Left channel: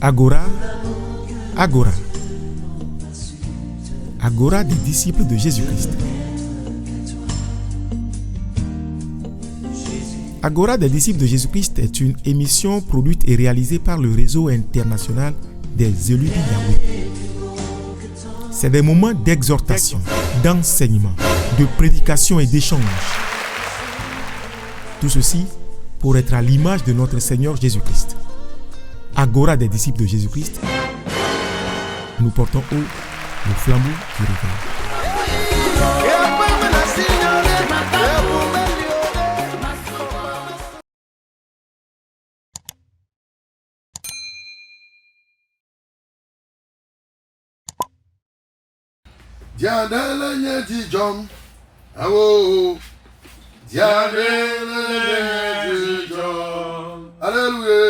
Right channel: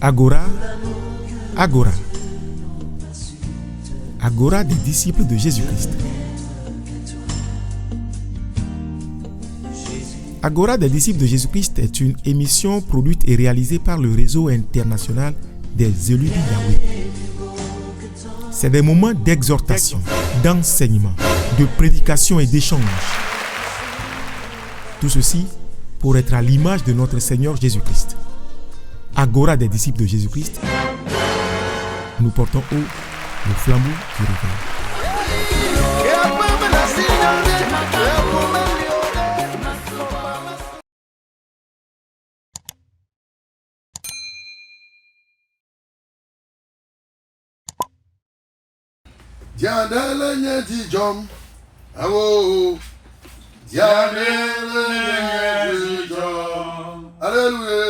Agora, Agora. Agora des disciples de Jésus-Christ. Agora des disciples de Jésus-Christ est une émission produite et réalisée par le réseau international des élus de Yahweh. C'est des moments d'exhortation, d'enseignement, de prédication et d'échange. Tout ceci pour être à l'image de notre Seigneur Jésus-Christ. Agora des disciples de Jésus-Christ, nous portons haut le flambeau du réveil. Alléluia.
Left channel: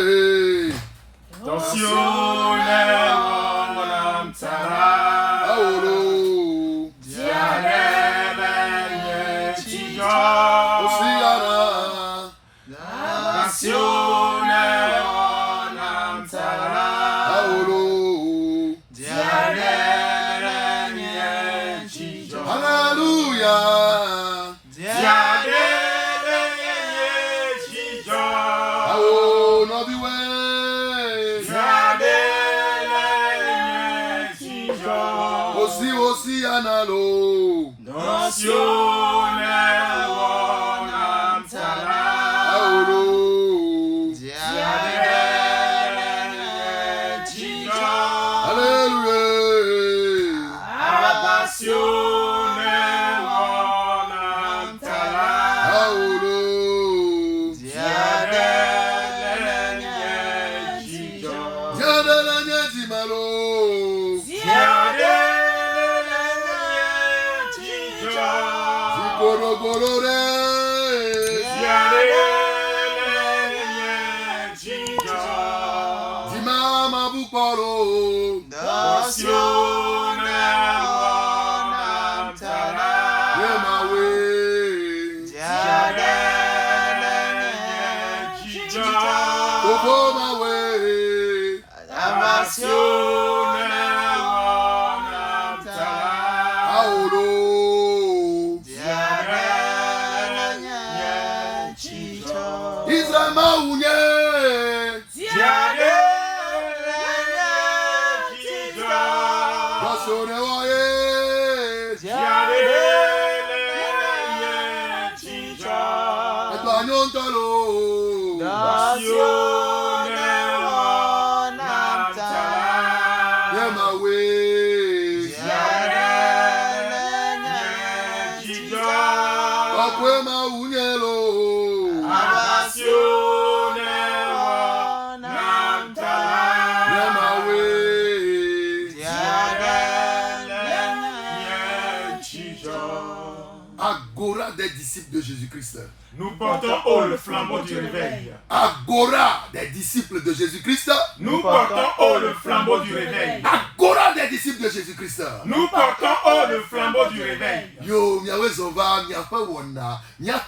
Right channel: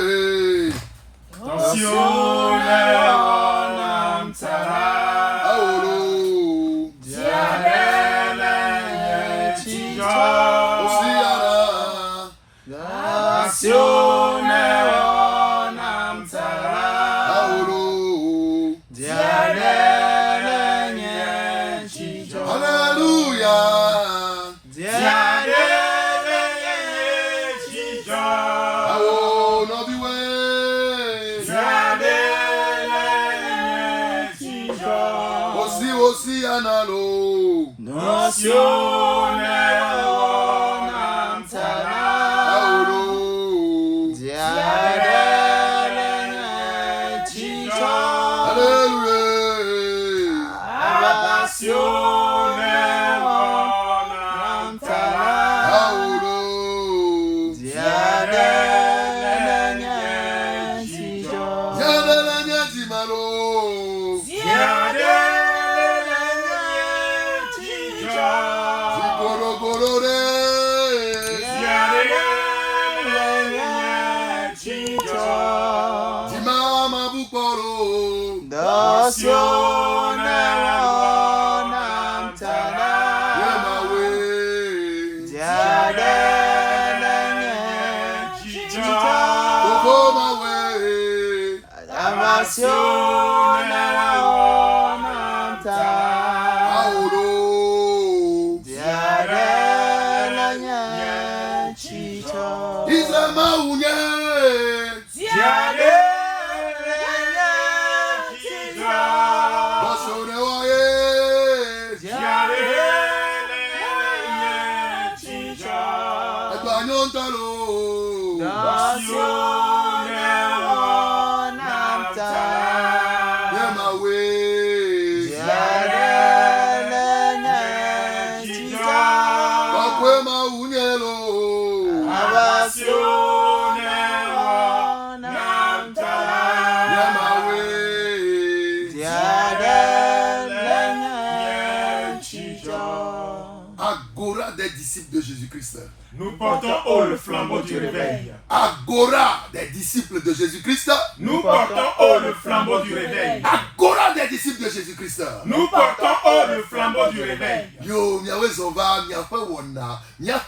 Agora des disciples de Jésus-Christ. Nous portons haut le flambeau du réveil. Agora des disciples de Jésus-Christ. Nous portons haut le flambeau du réveil. Agora des disciples de Jésus-Christ. Nous portons haut le flambeau du réveil. Yo, miawe zova, miafe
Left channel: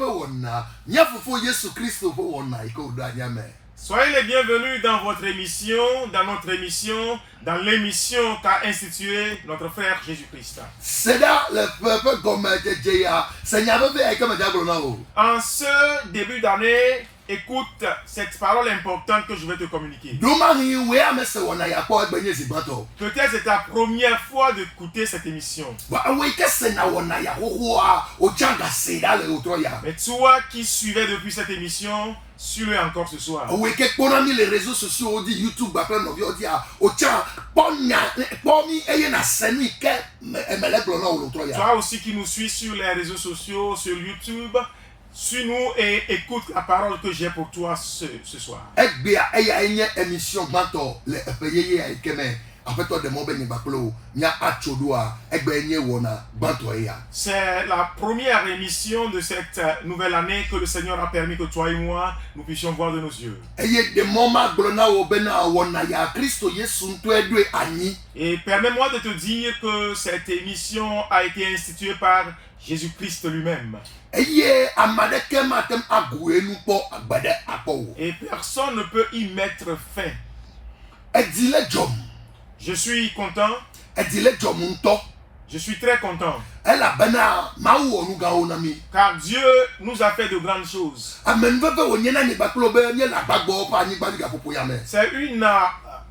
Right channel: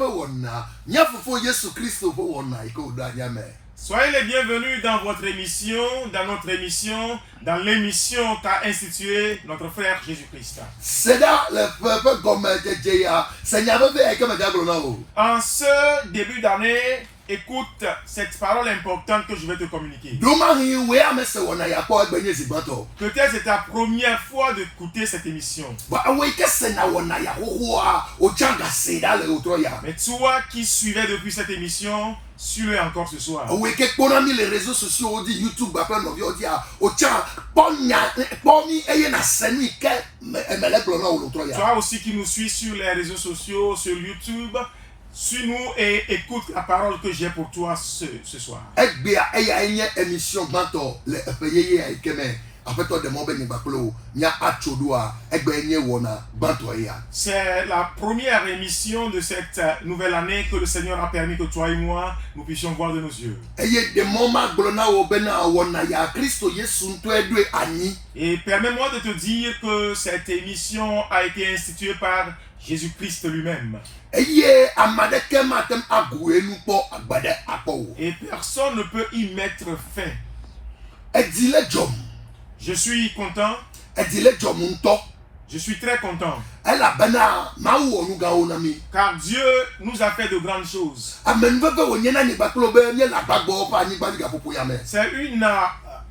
wona, miafufo Yesu Christo fo wona, iko udanyame. Soyez les bienvenus dans votre émission, dans notre émission, dans l'émission qu'a instituée notre frère Jésus-Christ. En ce début d'année, écoute cette parole importante que je vais te communiquer. Peut-être c'est ta première fois d'écouter cette émission. Mais toi qui suivais depuis cette émission, suis-le encore ce soir. Les réseaux sociaux, on dit YouTube, toi aussi qui nous suis sur les réseaux sociaux, sur YouTube, suis-nous et écoute la parole que j'ai pour toi ce soir. C'est la première émission de cette nouvelle année que le Seigneur a permis que toi et moi nous puissions voir de nos yeux. Et permets-moi de te dire que cette émission a été instituée par Jésus-Christ lui-même. Eye amadeke matem agoué nous pour agbade apo. Et personne ne peut y mettre fin. Edile jom. Je suis content. Edile jom unto. Je suis très content. Elle a bana maou onu ga onami. Car Dieu nous a fait de grandes choses. Amen veve wonyena ni baklo be ni la bagbo pa ni bani ga popo yame. C'est une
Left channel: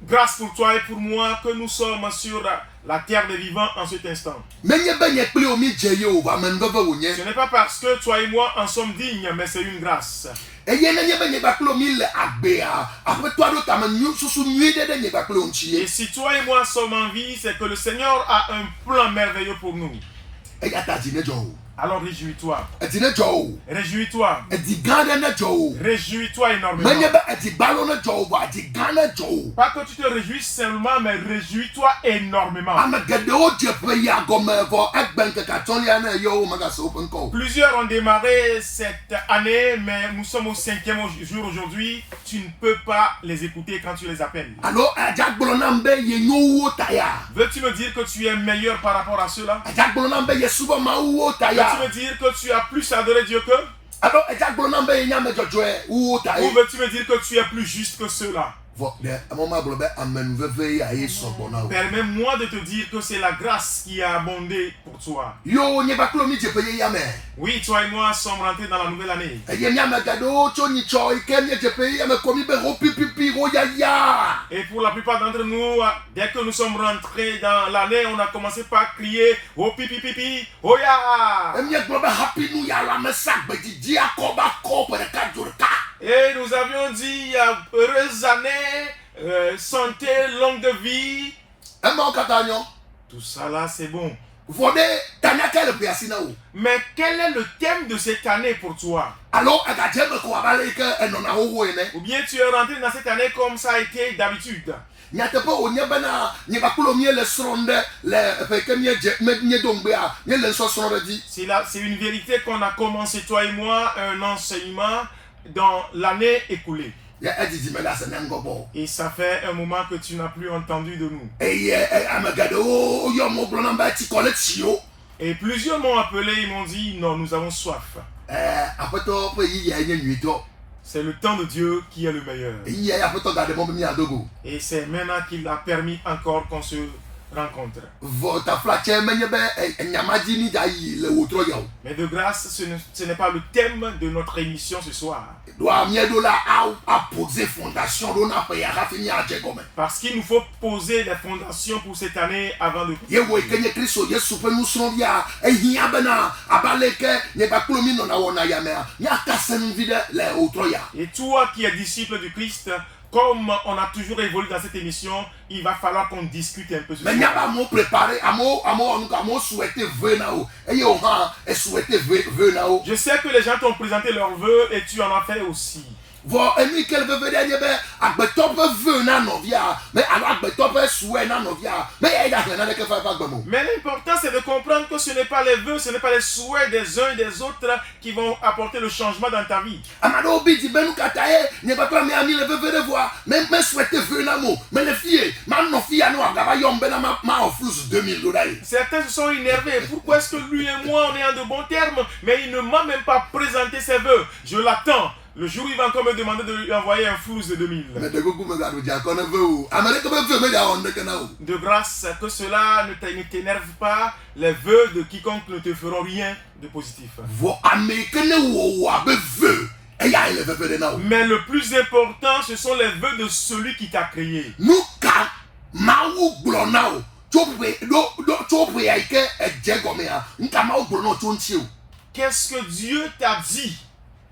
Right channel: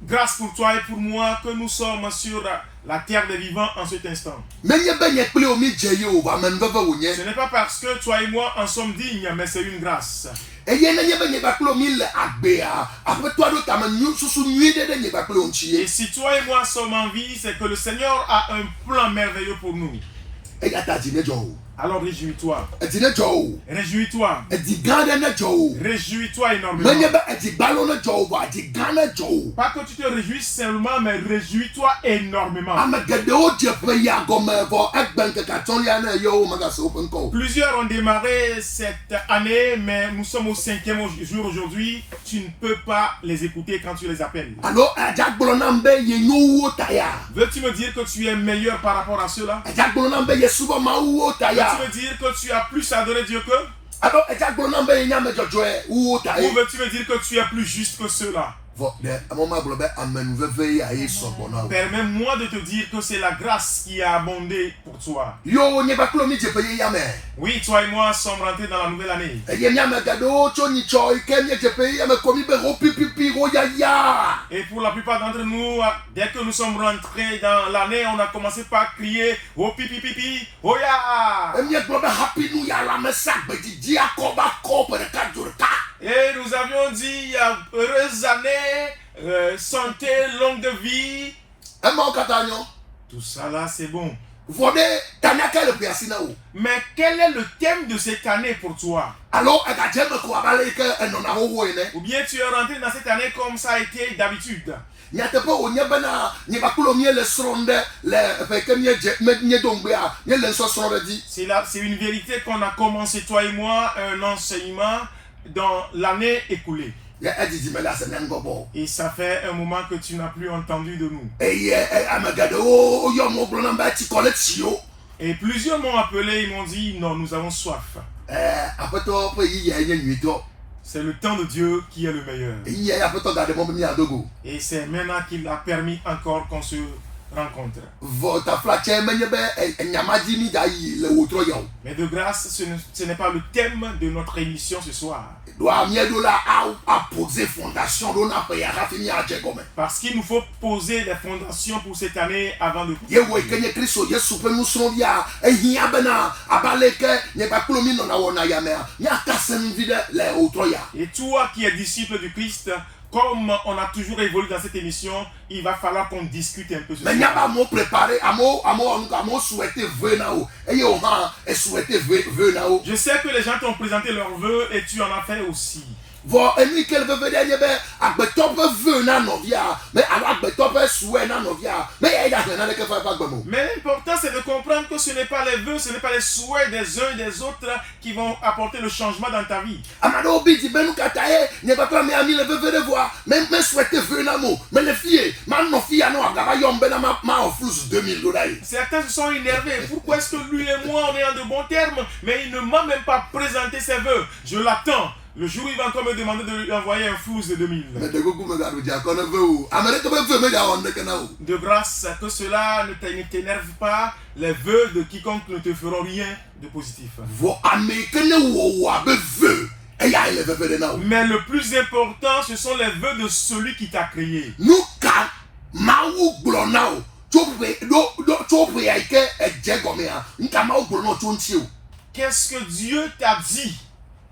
grâce pour toi et pour moi que nous sommes sur la terre des vivants en cet instant. Menye benye ple omi jeyo amen veve wonye. Ce n'est pas parce que toi et moi en sommes dignes, mais c'est une grâce. Eye na nye benye baklo mi le agbea. Après toi do tamen nyu susu nyi de nye baklo Et onchie. si toi et moi sommes en vie, c'est que le Seigneur a un plan merveilleux pour nous. Eye ata dine jo. Alors réjouis-toi. Edine jo. Réjouis-toi. Edi gande ne jo. Réjouis-toi énormément. Menye be edi balo ne jo ba edi gande jo. Pas que tu te réjouisses seulement, mais réjouis-toi énormément. Amagade o je pe ya gome vo egben ke ka ton ya na yo maga so open call. Plusieurs ont démarré cette année, mais nous sommes au 5e jour aujourd'hui. Tu ne peux pas les écouter quand tu les appelles. Alors ajagbolo na mbe ye nyu taya. Veux-tu me dire que tu es meilleur par rapport à ceux-là? Ajagbolo na mbe ye suba ma wo taya. Veux-tu me dire que tu as plus adoré Dieu qu'eux? Alors ajagbolo na mbe ye nya me jojo wo taya. Ou veux-tu me dire que tu es plus juste que ceux-là? Permets-moi de te dire que c'est la grâce qui a abondé pour toi. Oui, toi et moi sommes rentrés dans la nouvelle année. Et pour la plupart d'entre nous, dès que nous sommes rentrés dans l'année, on a commencé par crier « Oh pipi pipi, oh ya !» Et nous avions dit « Heureuse année, santé, longue vie ». Tout ça là, c'est bon. Mais quel est le thème de cette année pour toi? Ou bien tu es rentré dans cette année comme ça a été d'habitude? C'est une vérité qu'on a commencé, toi et moi, un enseignement dans l'année écoulée. Et ça fait un moment que tu n'as plus entendu de nous. Et plusieurs m'ont appelé, ils m'ont dit non, nous avons soif. C'est le temps de Dieu qui est le meilleur. Et c'est maintenant qu'il a permis encore qu'on se rencontre. Mais de grâce, ce n'est pas le thème de notre émission ce soir. Parce qu'il nous faut poser les fondations pour cette année avant de... Et toi qui es disciple du Christ, comme on a toujours évolué dans cette émission, il va falloir qu'on discute un peu sur ça. Je sais que les gens t'ont présenté leurs vœux et tu en as fait aussi. Mais l'important c'est de comprendre que ce n'est pas les vœux, ce n'est pas les souhaits des uns et des autres qui vont apporter le changement dans ta vie. Certains se sont énervés. Pourquoi est-ce que lui et moi on est en de bons termes, mais il ne m'a même pas présenté ses vœux? Je l'attends. Le jour où il va encore me demander de lui envoyer un flux de 2000. De grâce que cela ne t'énerve pas, les vœux de quiconque ne te feront rien de positif. Mais le plus important, ce sont les vœux de celui qui t'a créé. Qu'est-ce que Dieu t'a dit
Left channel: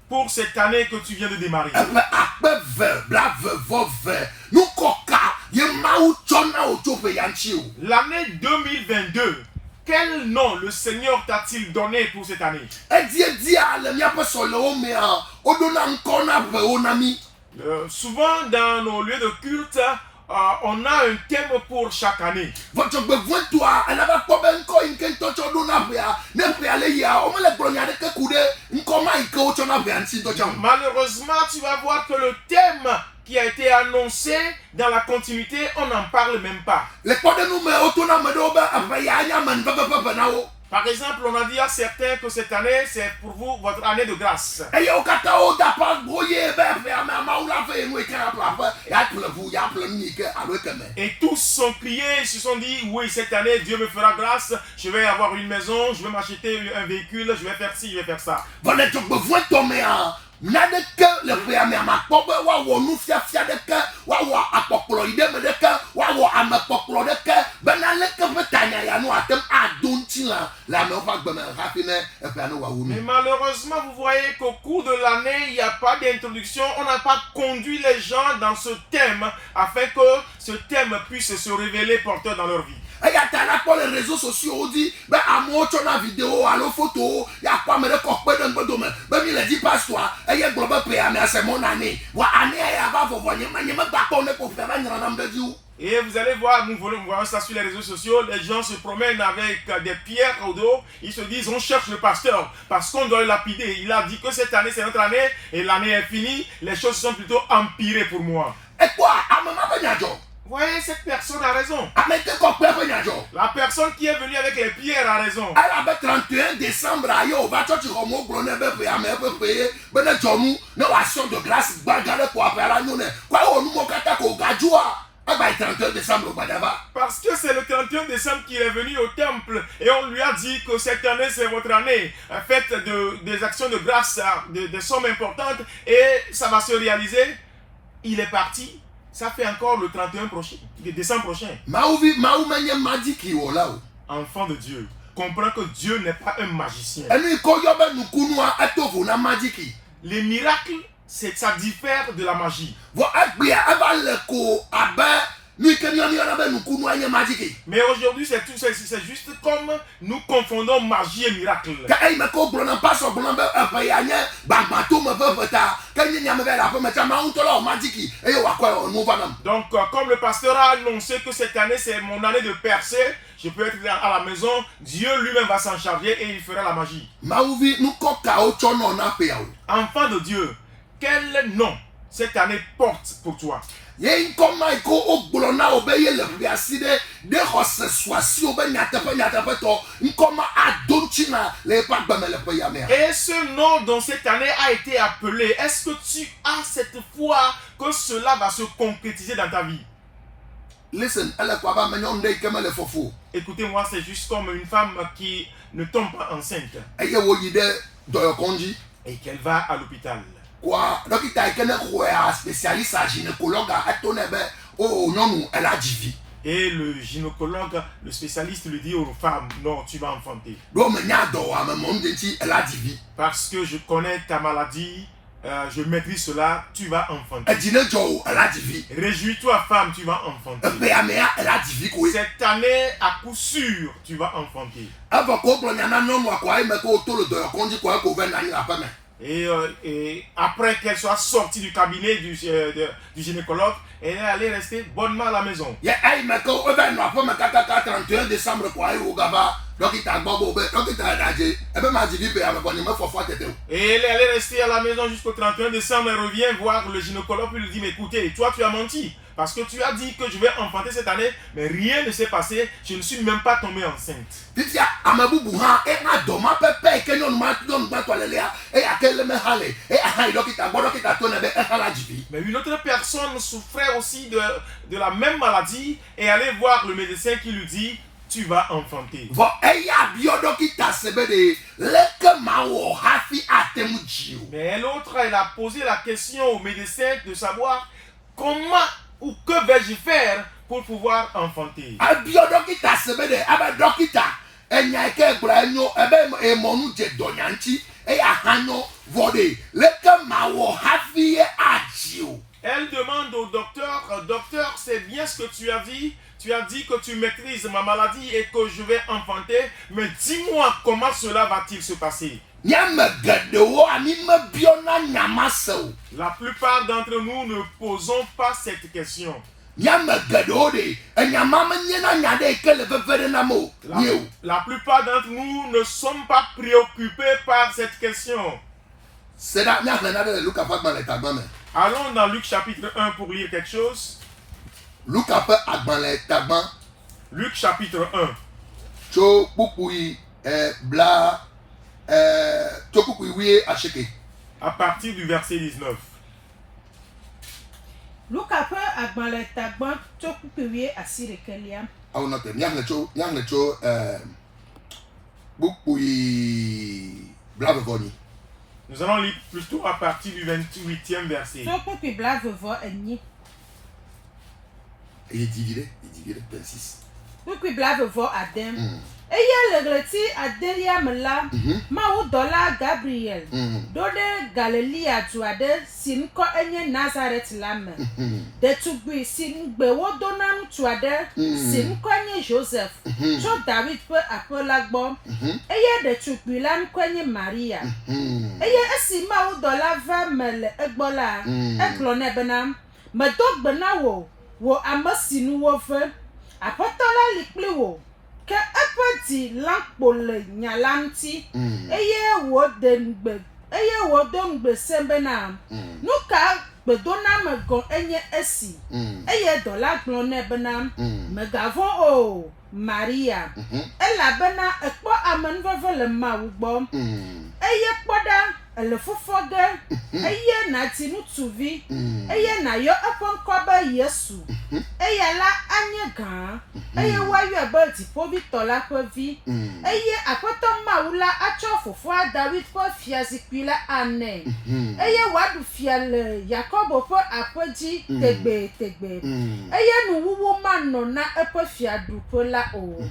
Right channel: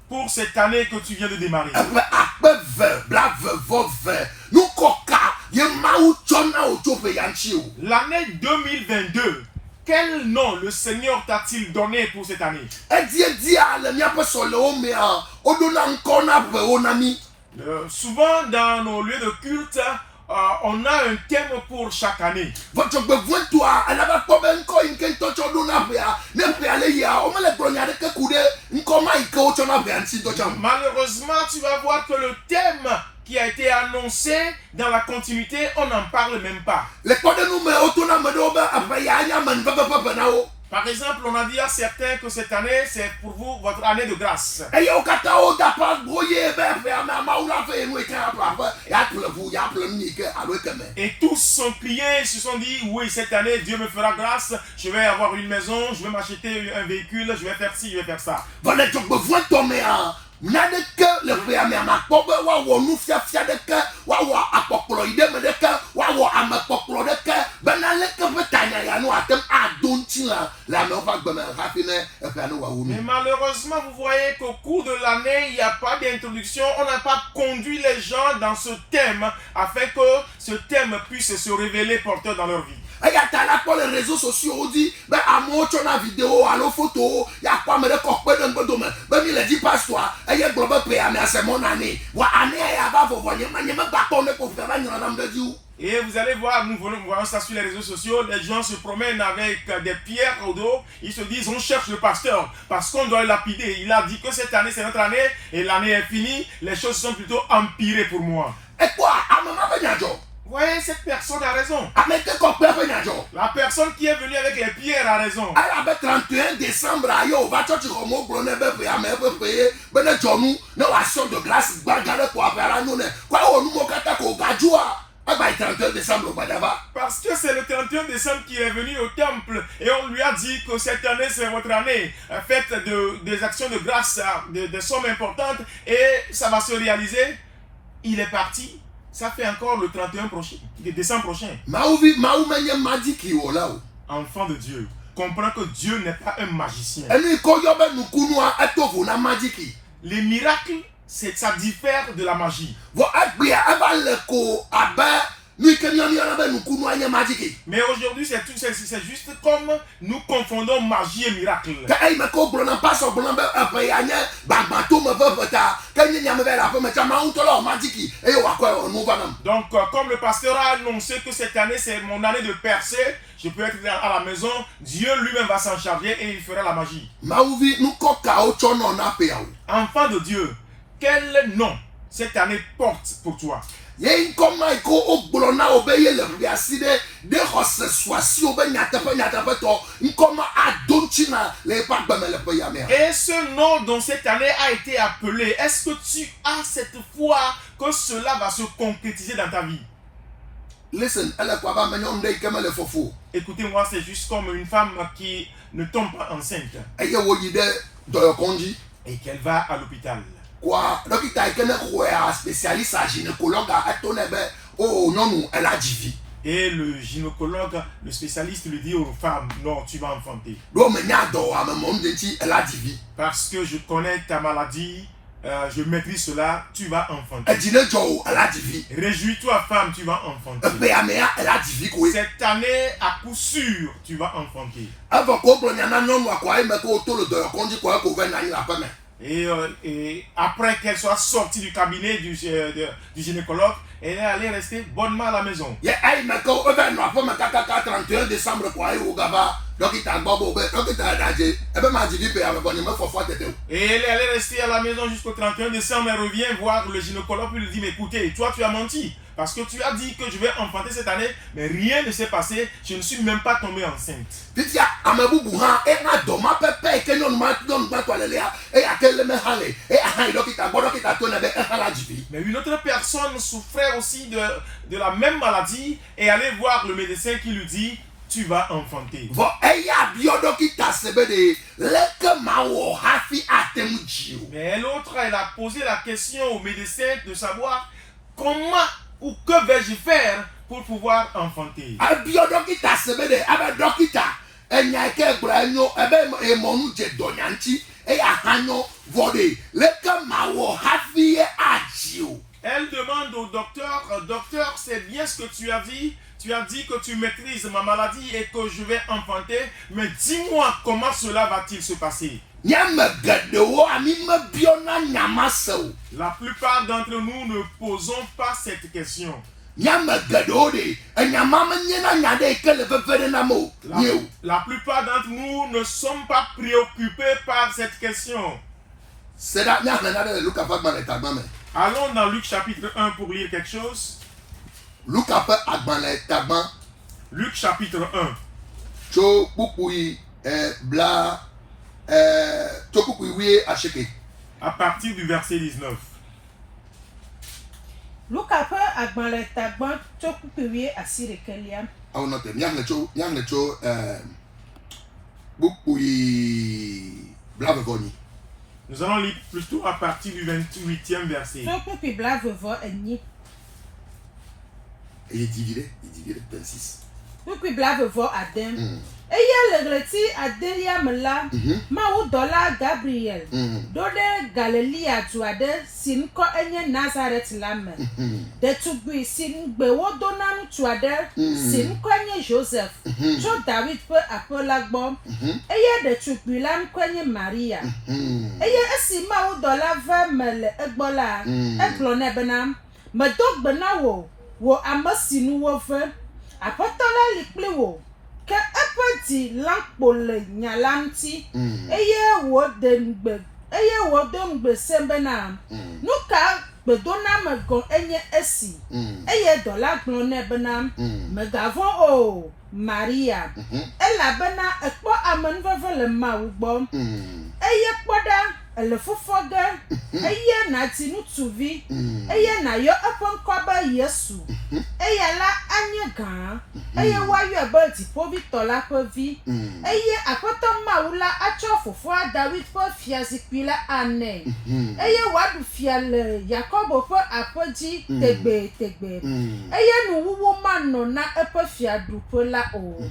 pour cette année que tu viens de démarrer? L'année 2022, quel nom le Seigneur t'a-t-il donné pour cette année? Souvent dans nos lieux de culte, on a un thème pour chaque année. Malheureusement, tu vas voir que le thème qui a été annoncé dans la continuité, on n'en parle même pas. Par exemple, on a dit à certains que cette année, c'est pour vous votre année de grâce. Et tous ont crié, ils se sont dit, oui, cette année, Dieu me fera grâce, je vais avoir une maison, je vais m'acheter un véhicule, je vais faire ci, je vais faire ça. Nadeke le péame amakpobe wa wo nu fiafia deke wa wo akpoklo ideme deke wa wo amakpoklo deke benaleke betanya ya no atem adonti la me va gbeme rapine e pe no wa wo mi. Mais malheureusement, vous voyez qu'au cours de l'année, il n'y a pas d'introduction, on n'a pas conduit les gens dans ce thème afin que ce thème puisse se révéler porteur dans leur vie. Et il y a pour les réseaux sociaux, on dit, ben à moi tu as vidéo, à la photo, il y a pas me de copain dans le domaine. Ben il a dit pas toi, et il y a global PA, mais c'est mon année. Wa année il y a pas vous voyez, mais il y a même pas qu'on est pour faire une rame de Dieu. Et vous allez voir, nous voyons ça sur les réseaux sociaux, les gens se promènent avec des pierres au dos, ils se disent on cherche le pasteur parce qu'on doit le lapider. Il a dit que cette année c'est notre année et l'année est finie, les choses sont plutôt empirées pour moi. Et quoi, à maman Benadjo? Vous voyez, cette personne a raison. La personne qui est venue avec les pierres a raison. Elle avait 31 décembre, on va te dire comment on peut payer, mais nous action de grâce, bagarre pour faire nous. Quoi, on nous moque à le 31 décembre. Parce que c'est le 31 décembre qu'il est venu au temple et on lui a dit que cette année c'est votre année. Faites des actions de grâce, des sommes importantes et ça va se réaliser. Il est parti. Ça fait encore le 31 décembre prochain. Enfant de Dieu, comprends que Dieu n'est pas un magicien. Les miracles, ça diffère de la magie. Mais aujourd'hui, c'est juste comme nous confondons magie et miracle. Donc, comme le pasteur a annoncé que cette année, c'est mon année de percée, je peux être à la maison, Dieu lui-même va s'en charger et il fera la magie. Enfant de Dieu, quel nom cette année porte pour toi? Et ce nom dont cette année a été appelé, est-ce que tu as cette foi que cela va se concrétiser dans ta vie? Écoutez-moi, c'est juste comme une femme qui ne tombe pas enceinte et qu'elle va à l'hôpital. Et le gynécologue, le spécialiste lui dit aux femmes, non, tu vas enfanter. Parce que je connais ta maladie, je maîtrise cela, tu vas enfanter. Réjouis-toi femme, tu vas enfanter. Cette année, à coup sûr, tu vas enfanter. Et après qu'elle soit sortie du cabinet du gynécologue, elle est allée rester bonnement à la maison. Et elle est allée rester à la maison jusqu'au 31 décembre. Elle revient voir le gynécologue et lui dit, mais écoutez, toi tu as menti. Parce que tu as dit que je vais enfanter cette année, mais rien ne s'est passé. Je ne suis même pas tombée enceinte. Mais une autre personne souffrait aussi de la même maladie et allait voir le médecin qui lui dit, tu vas enfanter. Mais l'autre, elle a posé la question au médecin de savoir comment ou que vais-je faire pour pouvoir enfanter. Elle demande au docteur, docteur, c'est bien ce que tu as dit. Tu as dit que tu maîtrises ma maladie et que je vais enfanter, mais dis-moi comment cela va-t-il se passer? La plupart d'entre nous ne posons pas cette question. La plupart d'entre nous ne sommes pas préoccupés par cette question. Allons dans Luc chapitre 1 pour lire quelque chose. Luc chapitre 1. bla tokukwiwie acheke. À partir du verset 19. Luka pe agbanle tagban tokupewie asirekelia. Awo note nyang cho bukui bla vevoni. Nous allons lire plutôt à partir du 28e verset. Tokupi bla vevo enyi. Il divide 26. Tokupi bla vevo adem. Eye legreti adelia mela mawu dola Gabriel dode Galilea tuade sin ko enye Nazareth lame de tugbi sin gbe wodonam tuade sin ko enye Joseph cho David pe apolagbo eye de tugbi lam ko enye Maria eye esi mawu dola va mele egbola eglone benam medogbe na wo amasinu wo fe apotola likple wo ke apati lankpo le nyalanti eye wo dongbe sembena nuka bedona megon enye esi eye dola glone bena megavon o Maria elabena ekpo amenveve le mawugbo eye kpoda ele fofoge eye na tinutuvi eye na yo aponkoba Yesu eye la anyega eye wayo ebe dipobi tola pevi eye apoto maula acho fofo David po fiazikpila ane eye wadu fiale Yakobo po apoji tegbe eye nuwuwo mano na epo fiadu pola o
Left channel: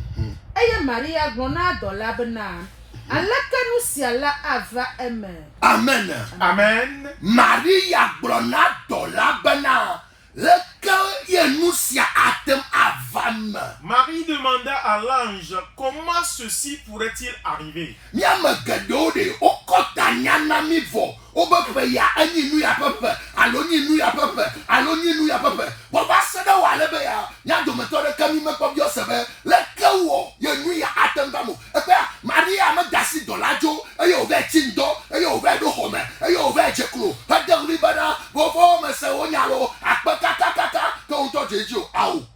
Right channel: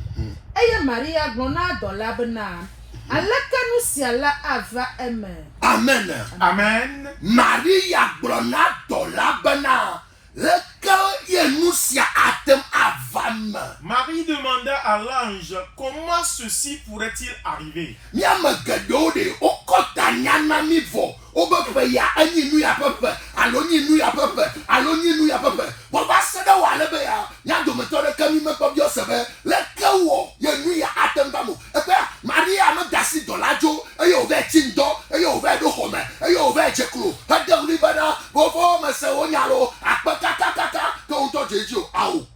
eye Maria glona dola bena alakanu siala ava amen. Amen. Maria glona dola bena leka yenusia atem avam. Marie demanda à l'ange comment ceci pourrait-il arriver. Miame gedode okota nyana mivo obepe ya anyi nu ya pepe aloni nu ya pepe aloni nu ya pepe baba seda wale be ya nya do metode kami me ko bio sebe leka wo ye nu ya atem bamu epe Maria me dasi dolajo eye o be tindo eye o be do home eye o be jekro hadam libana go fo me se onyalo akpakakaka to to jeju awu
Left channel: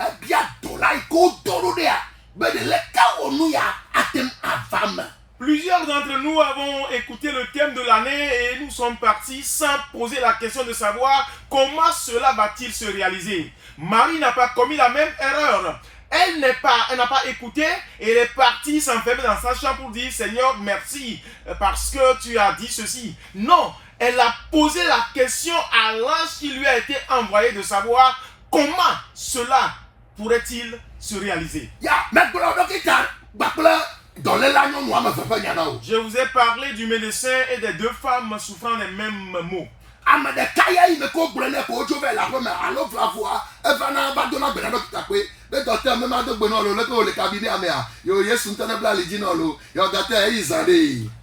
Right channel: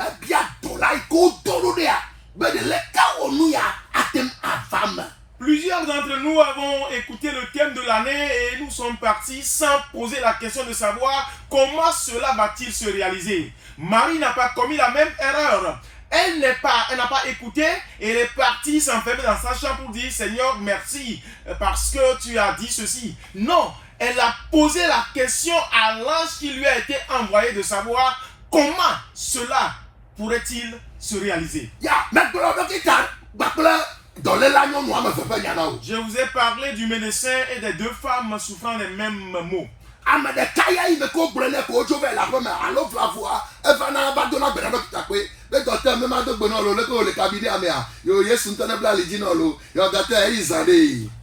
ebia dolai ko doro dia be de leka wo nu ya atem avam. Plusieurs d'entre nous avons écouté le thème de l'année et nous sommes partis sans poser la question de savoir comment cela va-t-il se réaliser. Marie n'a pas commis la même erreur. Elle n'a pas écouté et elle est partie s'enfermer dans sa chambre pour dire Seigneur merci parce que tu as dit ceci. Non, elle a posé la question à l'ange qui lui a été envoyé de savoir comment cela pourrait-il se réaliser. Je vous ai parlé du médecin et des deux femmes souffrant des mêmes maux.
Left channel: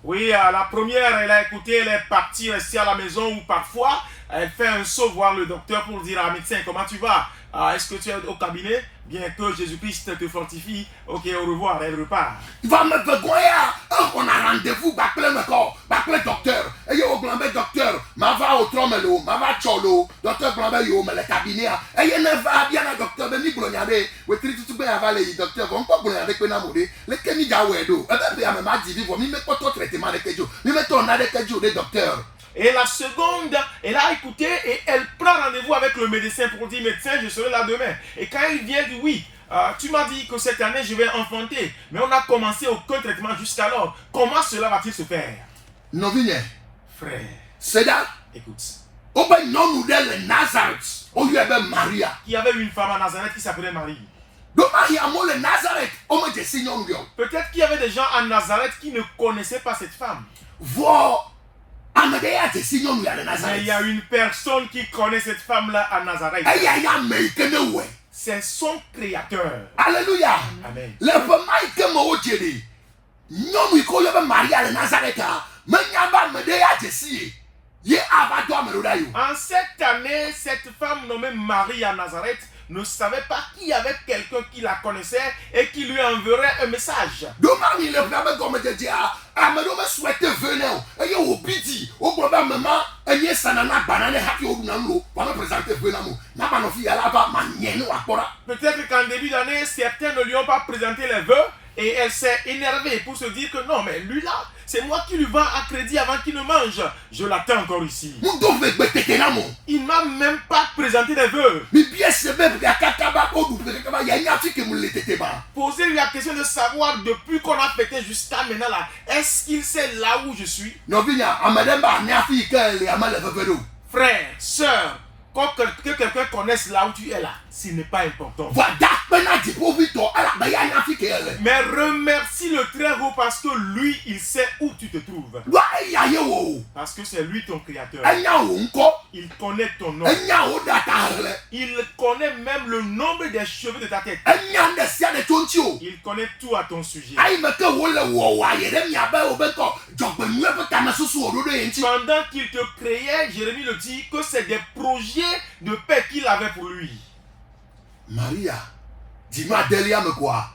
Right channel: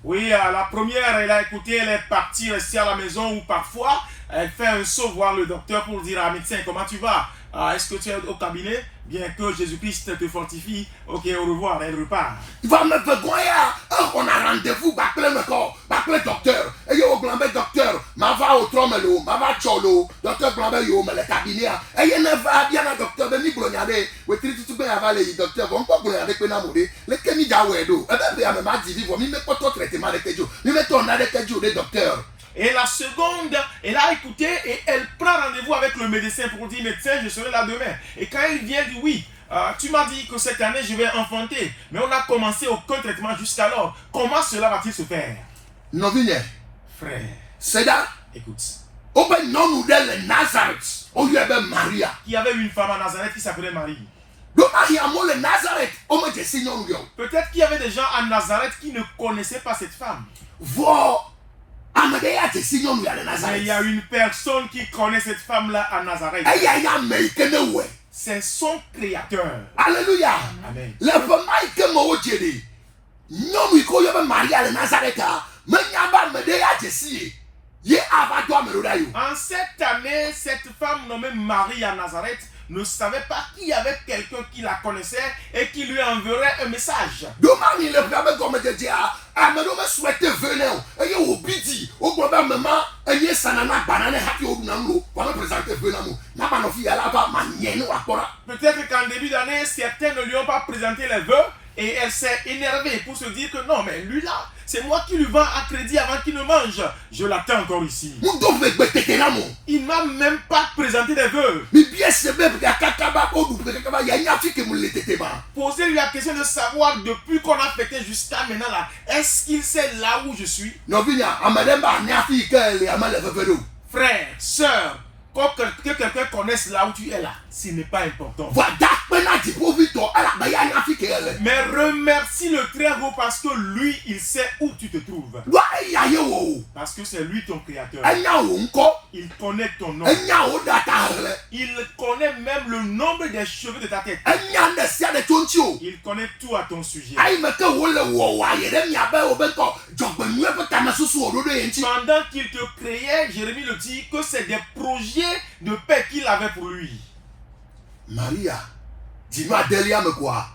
Oui, la première, elle a écouté, elle est partie rester à la maison ou parfois elle fait un saut voir le docteur pour dire à médecin comment tu vas. Est-ce que tu es au cabinet? Bien que Jésus-Christ te fortifie. Ok, au revoir, elle repart. On a rendez-vous, le docteur. Et yo, docteur, ma va au tromelo, ma va cholo, docteur Blambe yo, mais le cabinet. Et il ne va bien à docteur, mais ni gloniade, ou tri tout bien avant les docteurs, on peut gloniade que namoré, le kemi jawedo. Et bien, mais ma dit, vous me pas ton traitement de kejo, nous mettons à kejo des docteurs. Et la seconde, elle a écouté et elle prend rendez-vous avec le médecin pour dire médecin, je serai là demain. Et quand il vient, il dit oui, tu m'as dit que cette année je vais enfanter, mais on a commencé aucun traitement jusqu'alors. Comment cela va-t-il se faire? Novigne, frère, c'est là. Écoute. Maria. Il y avait une femme à Nazareth qui s'appelait Marie. Peut-être qu'il y avait des gens à Nazareth qui ne connaissaient pas cette femme. Mais il y a une personne qui connaît cette femme-là à Nazareth. C'est son créateur. Alléluia. Amen. En cette année, cette femme nommée Marie à Nazareth ne savait pas qu'il y avait quelqu'un qui la connaissait et qui lui enverrait un message. Peut-être qu'en début d'année, certains ne lui ont pas présenté les vœux. Et Et elle s'est énervée pour se dire que non, mais lui là, c'est moi qui lui vends à crédit avant qu'il ne mange. Je l'attends encore ici. Il m'a même pas présenté des vœux. Posez-lui la question de savoir depuis qu'on a fêté jusqu'à maintenant là, est-ce qu'il sait là où je suis? Frère, soeur, que quelqu'un connaisse là où tu es là, ce n'est pas important. Mais remercie le très haut parce que lui, il sait où tu te trouves. Parce que c'est lui ton créateur. Il connaît ton nom. Il connaît même le nombre des cheveux de ta tête. Il connaît tout à ton sujet. Pendant qu'il te créait, Jérémie le dit que c'est des projets de paix qu'il avait pour lui. Maria, dis-moi quoi?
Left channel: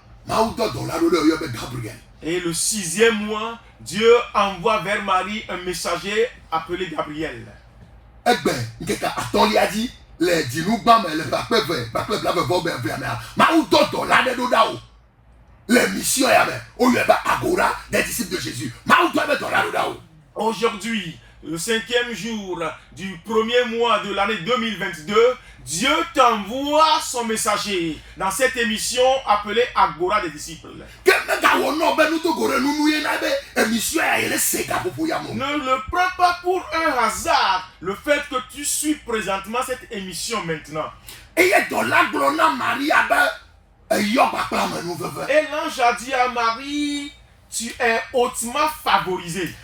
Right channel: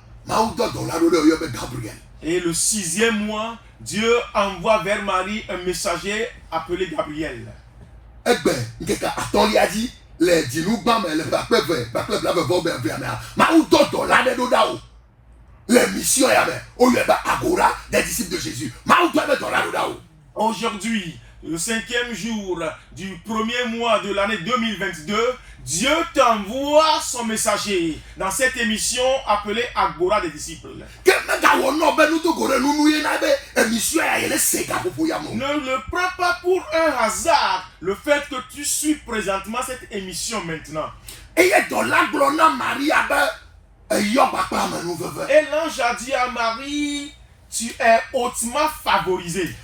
Et le 6e mois, Dieu envoie vers Marie un messager appelé Gabriel. Aujourd'hui, le 5e jour du 1er mois de l'année 2022, Dieu t'envoie son messager dans cette émission appelée Agora des disciples. Ne le prends pas pour un hasard le fait que tu suis présentement cette émission maintenant. Et l'ange a dit à Marie, tu es hautement favorisé.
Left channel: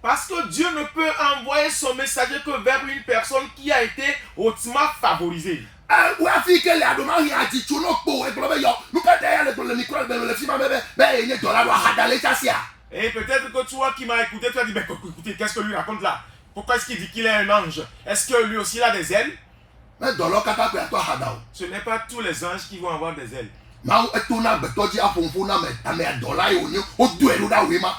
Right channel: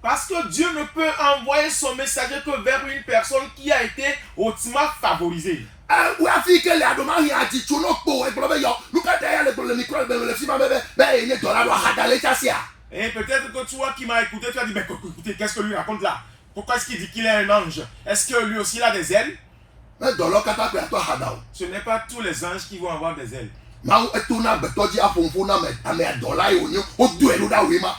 Parce que Dieu ne peut envoyer son messager que vers une personne qui a été hautement favorisée. Et peut-être que toi qui m'as écouté, tu as dit, mais écoutez, qu'est-ce que lui raconte là? Pourquoi est-ce qu'il dit qu'il est un ange? Est-ce que lui aussi il a des ailes? Ce n'est pas tous les anges qui vont avoir des ailes.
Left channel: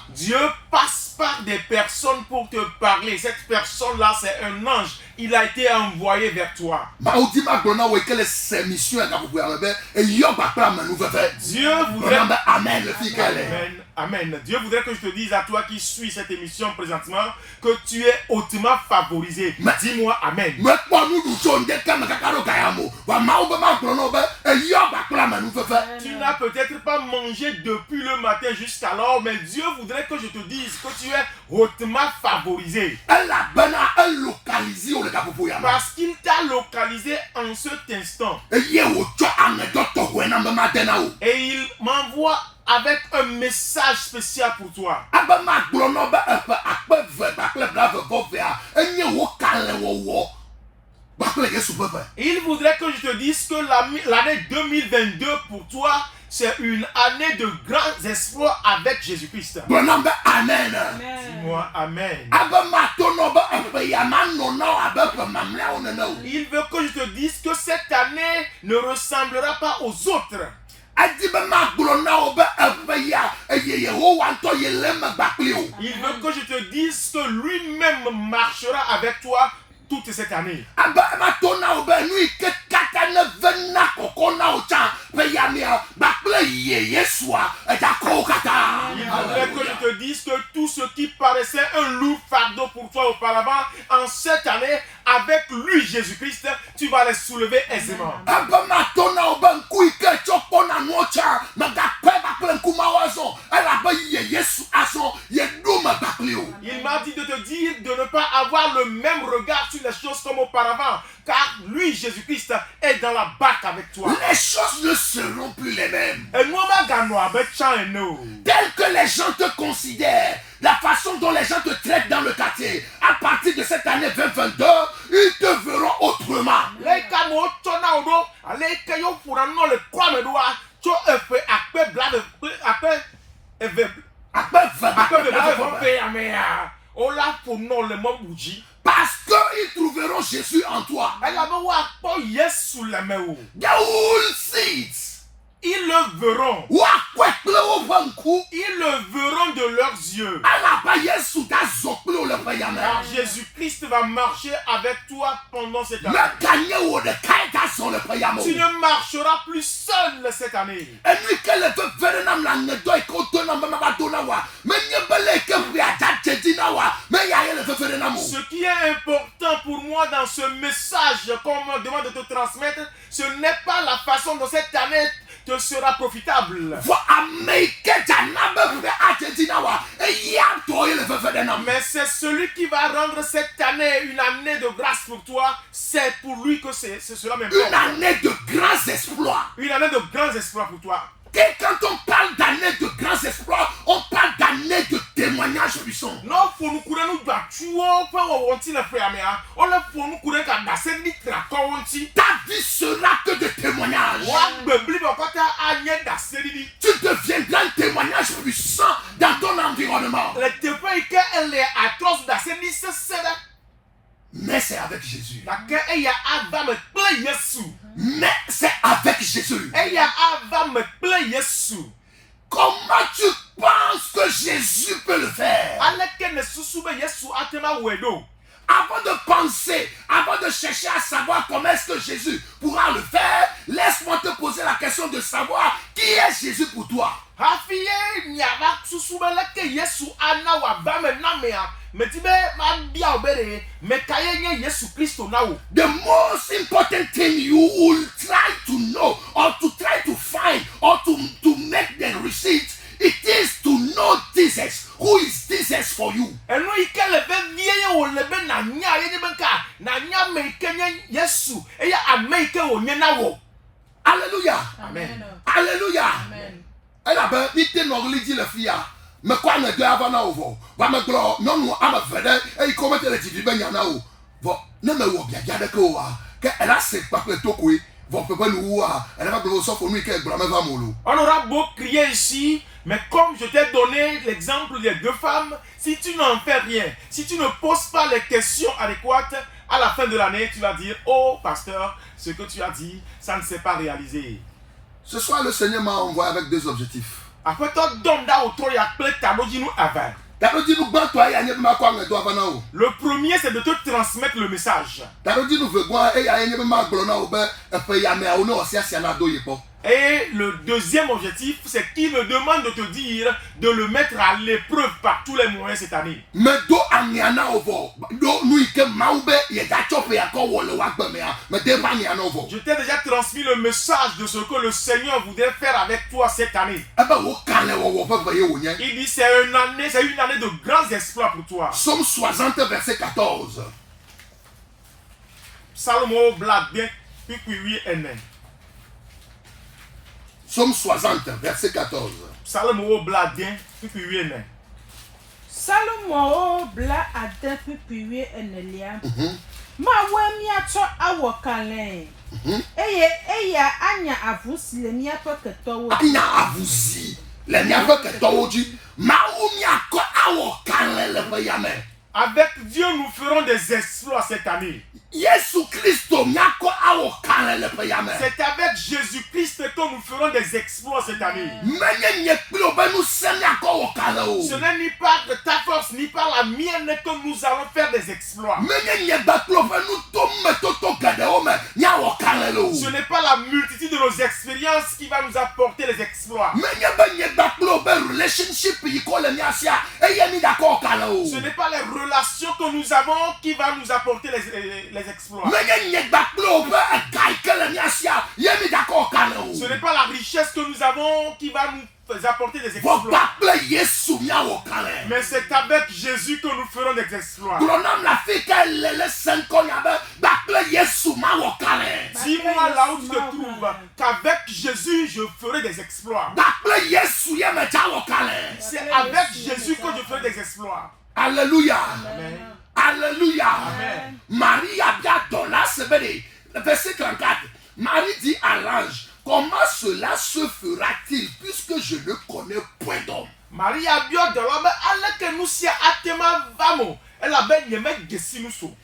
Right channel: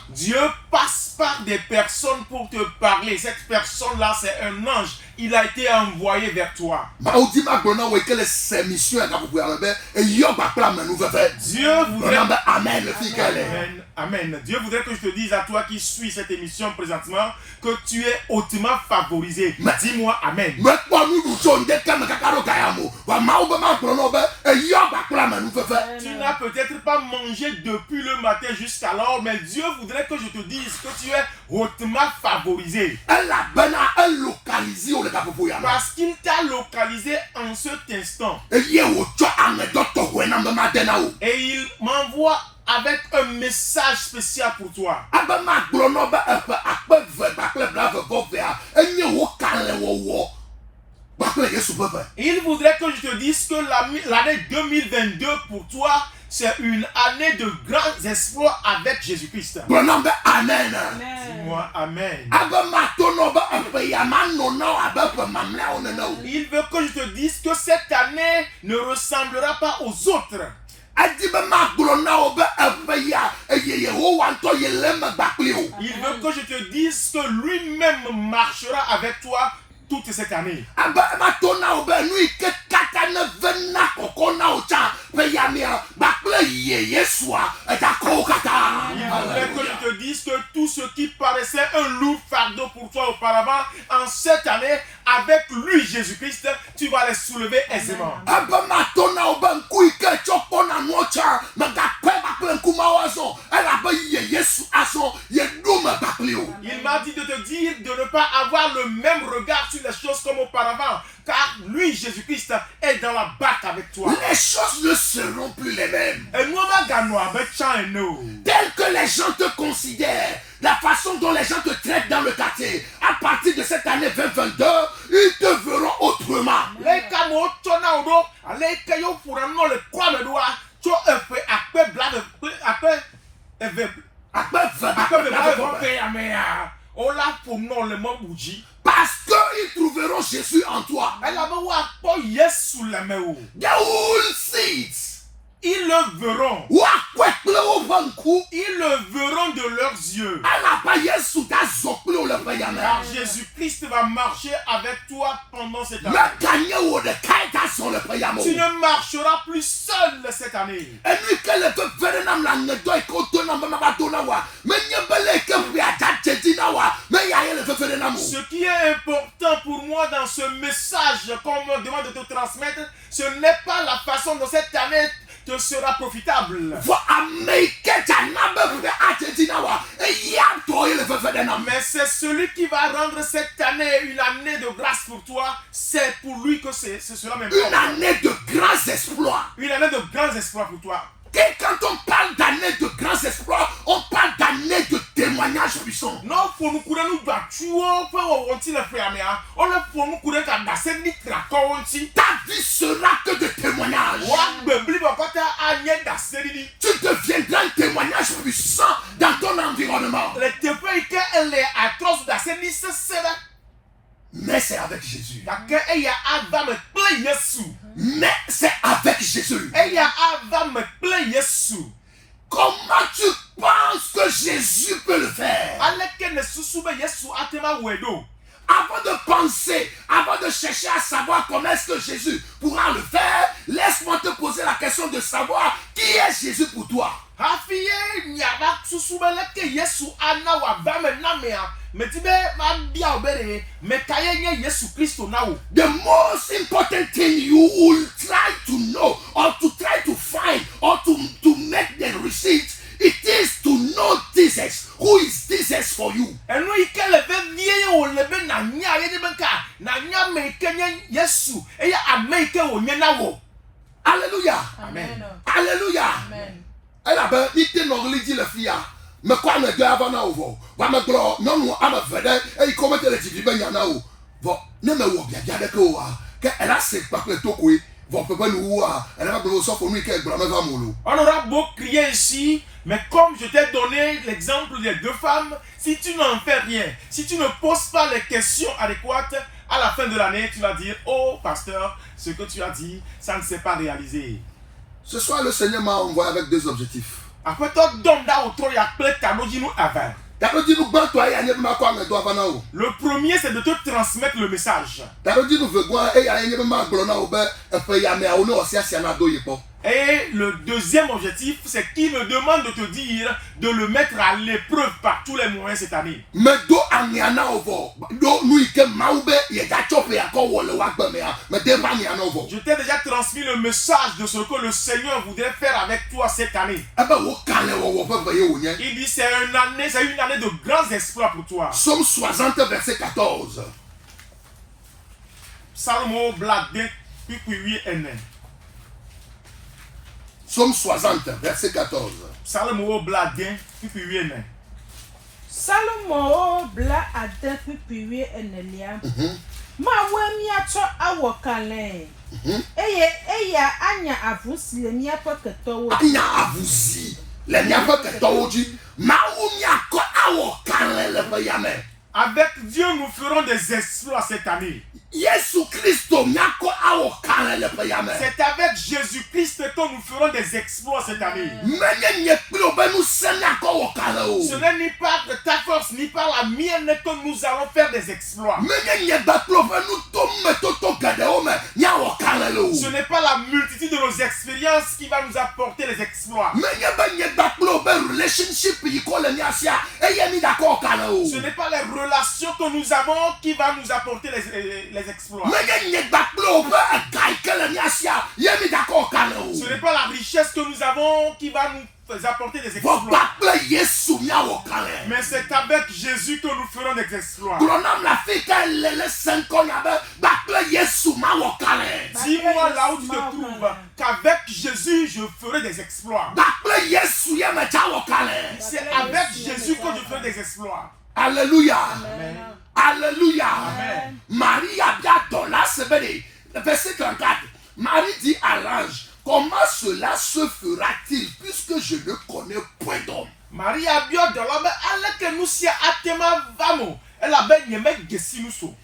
Dieu passe par des personnes pour te parler. Cette personne-là, c'est un ange. Il a été envoyé vers toi. Dieu voudrait... Amen. Dieu voudrait que je te dise à toi qui suis cette émission présentement que tu es hautement favorisé. Dis-moi Amen. Tu n'as peut-être pas mangé depuis le matin jusqu'alors, mais Dieu voudrait que je te dise que tu es hautement favorisé. Parce qu'il t'a localisé en cet instant. Et il m'envoie avec un message spécial pour toi. Il voudrait que je te dise que l'année 2022 pour toi, c'est une année de grands exploits avec Jésus-Christ. Amen. Dis-moi Amen. Il veut que je te dise que cette année ne ressemblera pas aux autres. Il veut que je te dise que lui-même marchera avec toi toute cette année. Il veut que je te dise que tout ce qui paraissait un lourd fardeau pour toi auparavant, en cette année, avec lui, Jésus-Christ, tu vas les soulever aisément. Il m'a dit de te dire de ne pas avoir le même regard sur les choses comme auparavant, car lui, Jésus-Christ, est dans la barque avec toi. Les choses ne seront plus les mêmes. Telles que les gens te considèrent, la façon dont les gens te traitent dans le quartier, à partir de cette année 2022, ils te verront autrement. Parce qu'ils trouveront Jésus en toi. They will see it. Ils le verront. woakɔe kple woƒe ŋku Ils le verront de leurs yeux. elaba Yesu gazɔ kple wo le ƒe yame Car Jésus-Christ va marcher avec toi pendant cette année. meganye wo ɖekae gazɔ le ƒe yame Tu o ne marcheras plus seul cette année. enu ke le veve ɖe nam le aŋedɔ yi ke wodo nam be mava do na woa menye be le yi ke ƒe adzadze dzi na woa meya ye le veve ɖe nam o Ce qui est important pour moi dans ce message qu'on me demande de te transmettre, ce n'est pas la façon dont cette année te sera profitable. vɔ ame yi ke dzana be ƒe adze dzi na woa eya ŋutɔ ye le veve ɖe nam Mais c'est celui qui va rendre cette année une année de grâce pour toi. C'est pour lui que c'est cela même. une année de grands exploits. Une année de grands espoirs pour toi. Et quand on parle d'année de grands exploits, on parle d'année de témoignages puissants. Non, faut nous courir nous battuons, faut on tire le frère mais on le faut nous courir quand c'est ni tracon on tire. Ta vie sera que de témoignages. Wa bebli ba kota anye da seridi. Tu deviendras un témoignage puissant dans ton environnement. Le témoin que elle est atroce da seridi se sera. Mais c'est avec Jésus. Da que eya ava me ple Yesu. Mais c'est avec Jésus. Eya ava me ple Yesu. Comment tu penses que Jésus peut le faire? Aleke ne susu be Yesu atema wedo. Avant de penser, avant de chercher à savoir comment est-ce que Jésus pourra le faire, laisse-moi te poser la question de savoir qui est Jésus pour toi. Hafiye nyaba susu be leke Yesu ana wa ba me na me a. Me ti be ma bia obere me kaye nye Yesu Kristo na wo. The most important thing you will try to know or to try to find or to make the receipt, it is to know Jesus. Who is Jesus for you? Enu ike le be vie o le be na nya ye be ka na nya me ke nye Yesu e ya ame ike o nye na wo. Alléluia. Amen. Alléluia. Amen. Elle a ben ite nɔɣili di le fia. Me kɔ ne do ava na wo vɔ. Va me gblɔ nyɔnu ame ve ɖe eyi ke womete le dziɖi be nya na wo. Vɔ ne me wɔ biabia ɖeke o wa ke ela se kpakple tokoe. Vɔ ƒe nuwua elle va gblɔ wo sɔfo nu yi ke gblɔ me va mo lo. On aura beau crier ici, mais comme je t'ai donné l'exemple des deux femmes, si tu n'en fais rien, si tu ne poses pas les questions adéquates, à la fin de l'année, tu vas dire, oh pasteur, ce que tu as dit, ça ne s'est pas réalisé. Ce soir, le Seigneur m'a envoyé avec deux objectifs. Après toi, donda auto ya ple tamoji nous avant. T'as dit nous gbãtɔ ya nye be makɔ aŋedɔ ava na wo. Le premier, c'est de te transmettre le message. T'as dit nous vegɔa eya nye be magblɔ na wo be eƒe yameawo ne ɔsiasia na do yi kpɔ. Et le deuxième objectif, c'est qu'il me demande de te dire de le mettre à l'épreuve par tous les moyens cette année. Medo aŋea na wo vɔ do nu yi ke mawu be yegatsɔ ƒe yakɔ wɔ le woagbe mea mede va aŋea na wo vɔ. Je t'ai déjà transmis le message de ce que le Seigneur voudrait faire avec toi cette année. Ebe wo kalẽ wɔwɔ ƒe ʋe ye wònye. Il dit c'est une année de grands exploits pour toi. Psaume 60 verset 14. Salomo blade puis enen. Psaume 60 verset 14. Salomo blade puis enen. Salomo bla ade pipiwi enelia. Ma we miato awo kalen. Eya anya avusi le miapo ketowo. Anya avuzi le miaƒe ketɔwo dzi. Mawu miakɔ awɔ kalẽ le ƒe yame. Avec Dieu, nous ferons des exploits cette année. Yesu Kristo miakɔ awɔ kalẽ le ƒe yame. C'est avec Jésus-Christ que nous ferons des exploits cette année. Menye nye kple wo be ŋusẽ miakɔ wɔ kalẽ o. Ce n'est ni par ta force ni par la mienne que nous allons faire des exploits. Menye nye gba kple woƒe nutometoto geɖewo me miawɔ kalẽ le o. Ce n'est pas la multitude de nos expériences qui va nous apporter les exploits. Menye be nye gba kple wo be relationship yi ko le mia sia eye mi gakɔ wɔ kalẽ o. Ce n'est pas les relations que nous avons qui va nous apporter les exploits. Menye nye gba kple wo be ega yi ke le mia sia ye mi gakɔ wɔ kalẽ o. Ce n'est pas la richesse que nous avons qui va nous apporter des Vɔ exploits. gba kple Yesu miawɔ kalẽ. Mais c'est avec Jésus que nous ferons des exploits. Gblɔ nam le afi ke le le seŋkɔnya be gba kple Yesu mawɔ kalẽ. Dis-moi là où tu te trouves qu'avec Jésus je ferai des exploits. Gba kple Yesu ye me tsa wɔ kalẽ. C'est avec Jésus que je ferai des exploits. Alléluia. Amen. Alléluia. Amen. Marie a bien donné ce béni. Verset 34. Marie dit à l'ange, comment cela se fera-t-il puisque je ne connais point d'homme? Maria bio de l'homme, elle que nous si atema vamo. Elle a ben yeme gesi nous so.